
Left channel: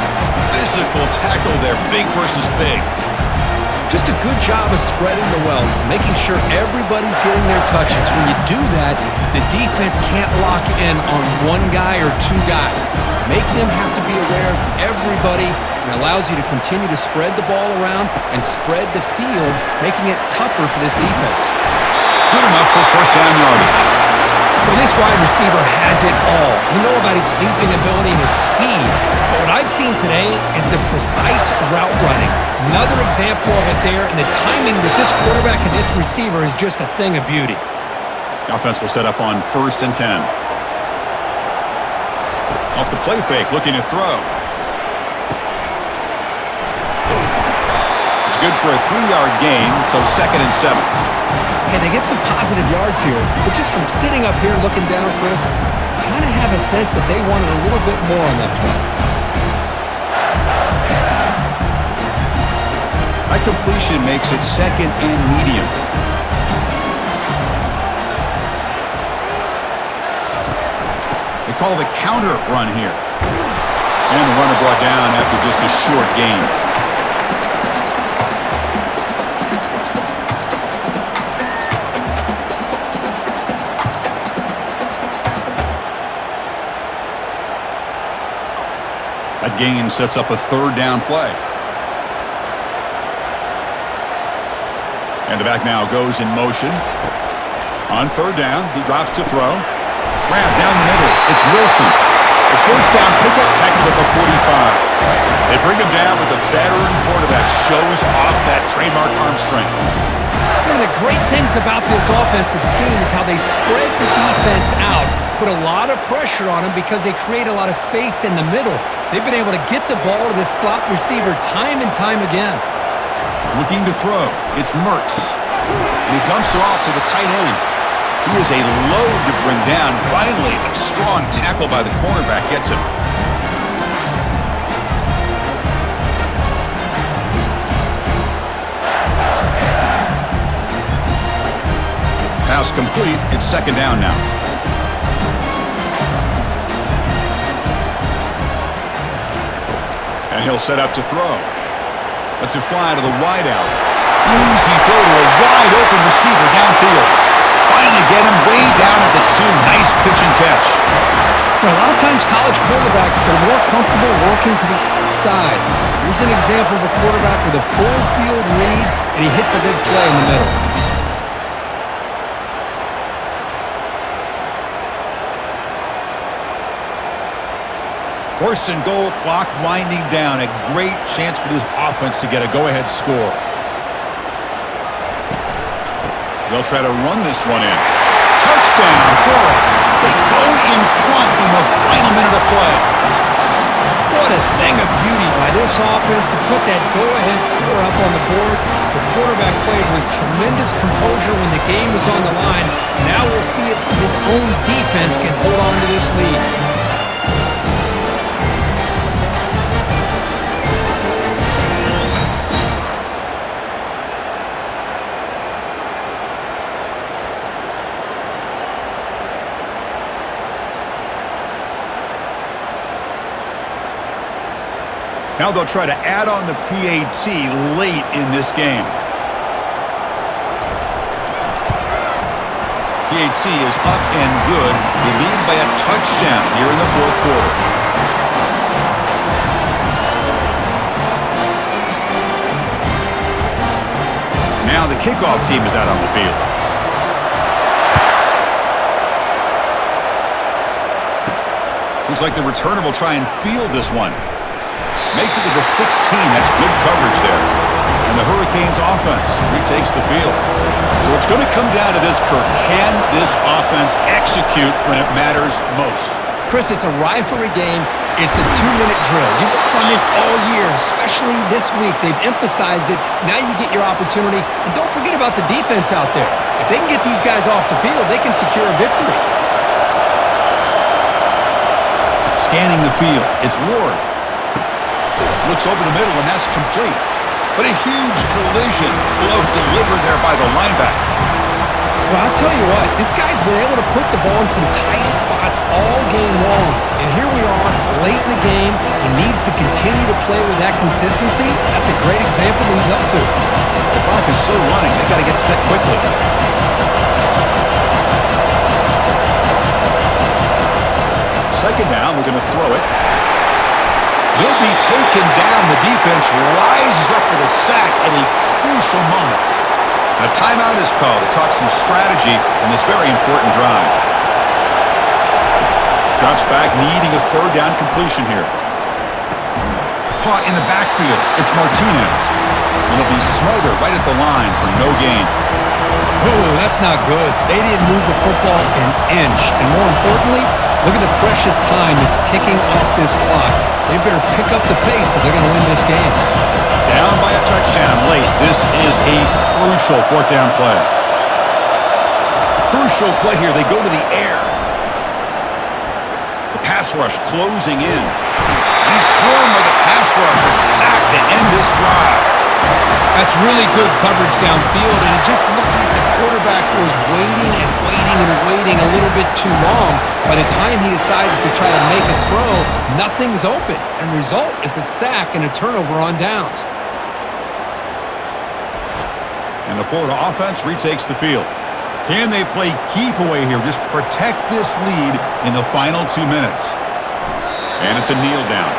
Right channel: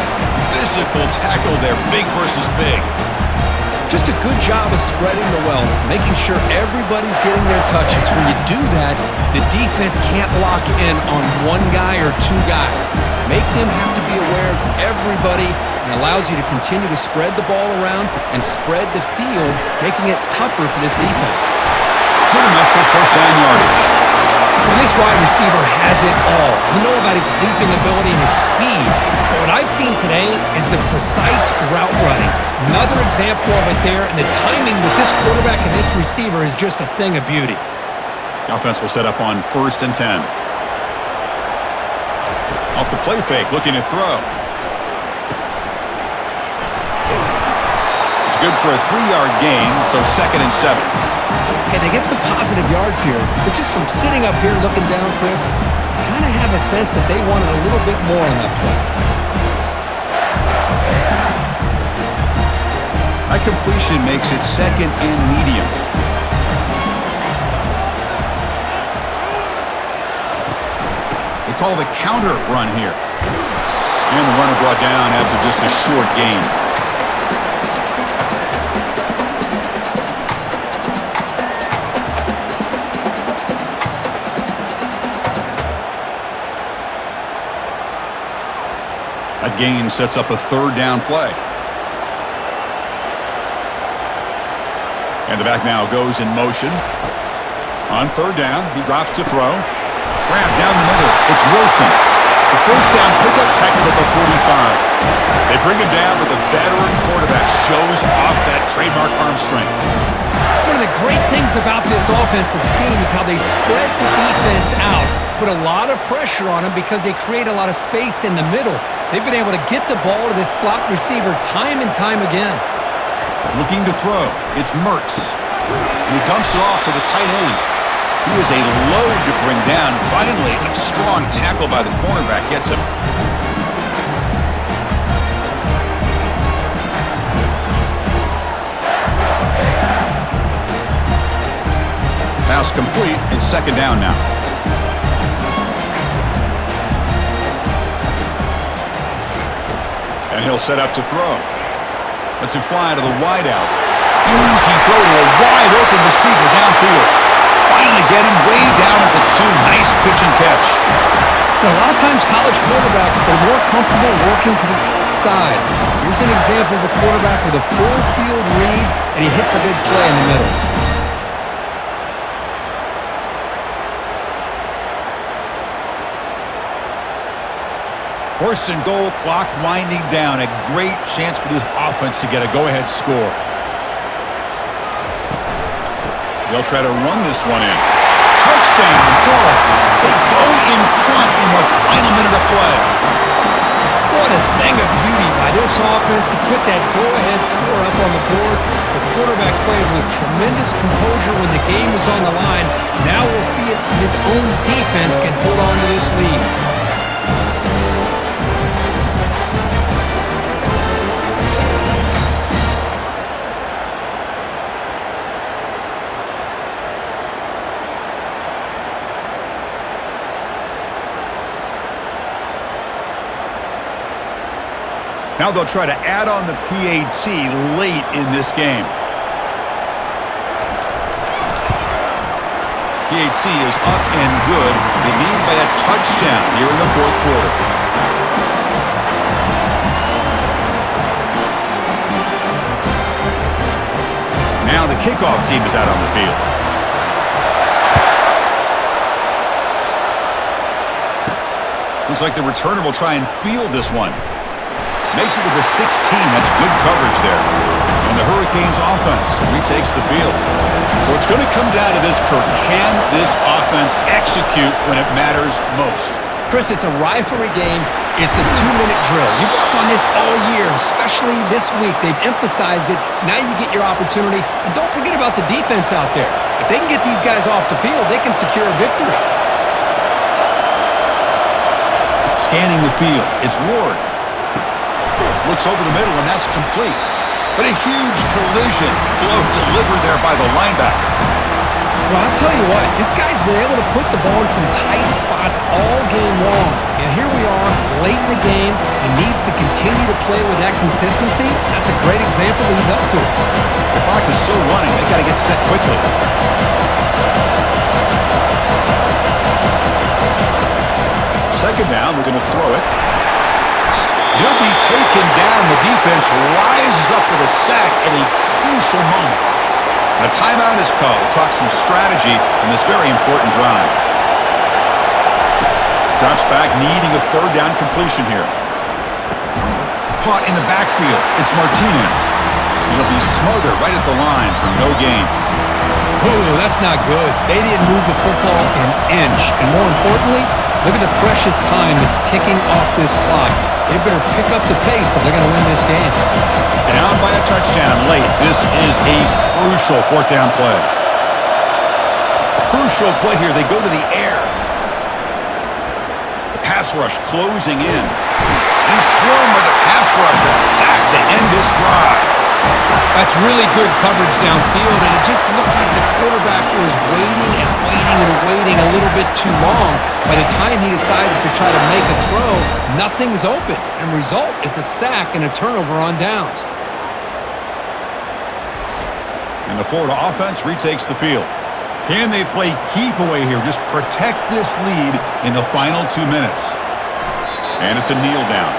Physical tackle there, big versus big. Just a good job of spreading the wealth, making sure everybody's getting their touches. When you do that, the defense can't lock in on one guy or 2 guys. Make them have to be aware of everybody, and allows you to continue to spread the ball around and spread the field, making it tougher for this defense. Good enough for 1st down yardage. Well, this wide receiver has it all. We know about his leaping ability and his speed, but what I've seen today is the precise route running. Another example of it there, and the timing with this quarterback and this receiver is just a thing of beauty. The offense will set up on 1st and 10. Off the play fake, looking to throw. It's good for a 3-yard gain, so 2nd and 7. Hey, they get some positive yards here, but just from sitting up here looking down, Chris, you kind of have a sense that they wanted a little bit more on that play. That completion makes it 2nd and medium. They call the counter run here. And the runner brought down after just a short gain. That gain sets up a 3rd down play. And the back now goes in motion. On 3rd down, he drops to throw. Grab down the middle. It's Wilson. The first down pickup tackled at the 45. They bring him down, but the veteran quarterback shows off that trademark arm strength. One of the great things about this offensive scheme is how they spread the defense out, put a lot of pressure on them because they create a lot of space in the middle. They've been able to get the ball to this slot receiver time and time again. Looking to throw. It's Mertz. And he dumps it off to the tight end. He is a load to bring down. Finally, a strong tackle by the cornerback gets him. Pass complete. It's second down now. And he'll set up to throw. Lets it fly to the wideout. Easy throw to a wide-open receiver downfield. Finally get him way down at the 2. Nice pitch and catch. Now, a lot of times college quarterbacks, they're more comfortable working to the outside. Here's an example of a quarterback with a full field read, and he hits a big play in the middle. First and goal, clock winding down. A great chance for this offense to get a go-ahead score. They'll try to run this one in. Touchdown, Florida. They go in front in the final minute of play. What a thing of beauty by this offense to put that go-ahead score up on the board. The quarterback played with tremendous composure when the game was on the line. Now we'll see if his own defense can hold on to this lead. Now they'll try to add on the PAT late in this game. PAT is up and good. They lead by a touchdown here in the fourth quarter. Now the kickoff team is out on the field. Looks like the returner will try and field this one. Makes it to the 16. That's good coverage there. And the Hurricanes offense retakes the field. So it's going to come down to this, Kirk. Can this offense execute when it matters most? Chris, it's a rivalry game. It's a 2-minute drill. You work on this all year, especially this week. They've emphasized it. Now you get your opportunity. And don't forget about the defense out there. If they can get these guys off the field, they can secure a victory. Scanning the field. It's Ward. Looks over the middle, and that's complete. But a huge collision blow delivered there by the linebacker. Well, I'll tell you what, this guy's been able to put the ball in some tight spots all game long. And here we are, late in the game. He needs to continue to play with that consistency. That's a great example that he's up to. The clock is still running. They got to get set quickly. Second down, we're going to throw it. He'll be taken down. The defense rises up with a sack at a crucial moment. And a timeout is called to talk some strategy in this very important drive. Drops back, needing a third down completion here. Caught in the backfield. It's Martinez. He'll be smothered right at the line for no gain. Ooh, that's not good. They didn't move the football an inch. And more importantly, look at the precious time that's ticking off this clock. They better pick up the pace if they're going to win this game. Down by a touchdown late. This is a crucial fourth down play. Crucial play here. They go to the air. The pass rush closing in. And he's swarmed by the pass rush. A sack to end this drive. That's really good coverage downfield, and it just looked like the quarterback was waiting and waiting and waiting a little bit too long. By the time he decides to try to make a throw, nothing's open, and result is a sack and a turnover on downs. And the Florida offense retakes the field. Can they play keep away here? Just protect this lead in the final 2 minutes. And it's a kneel down.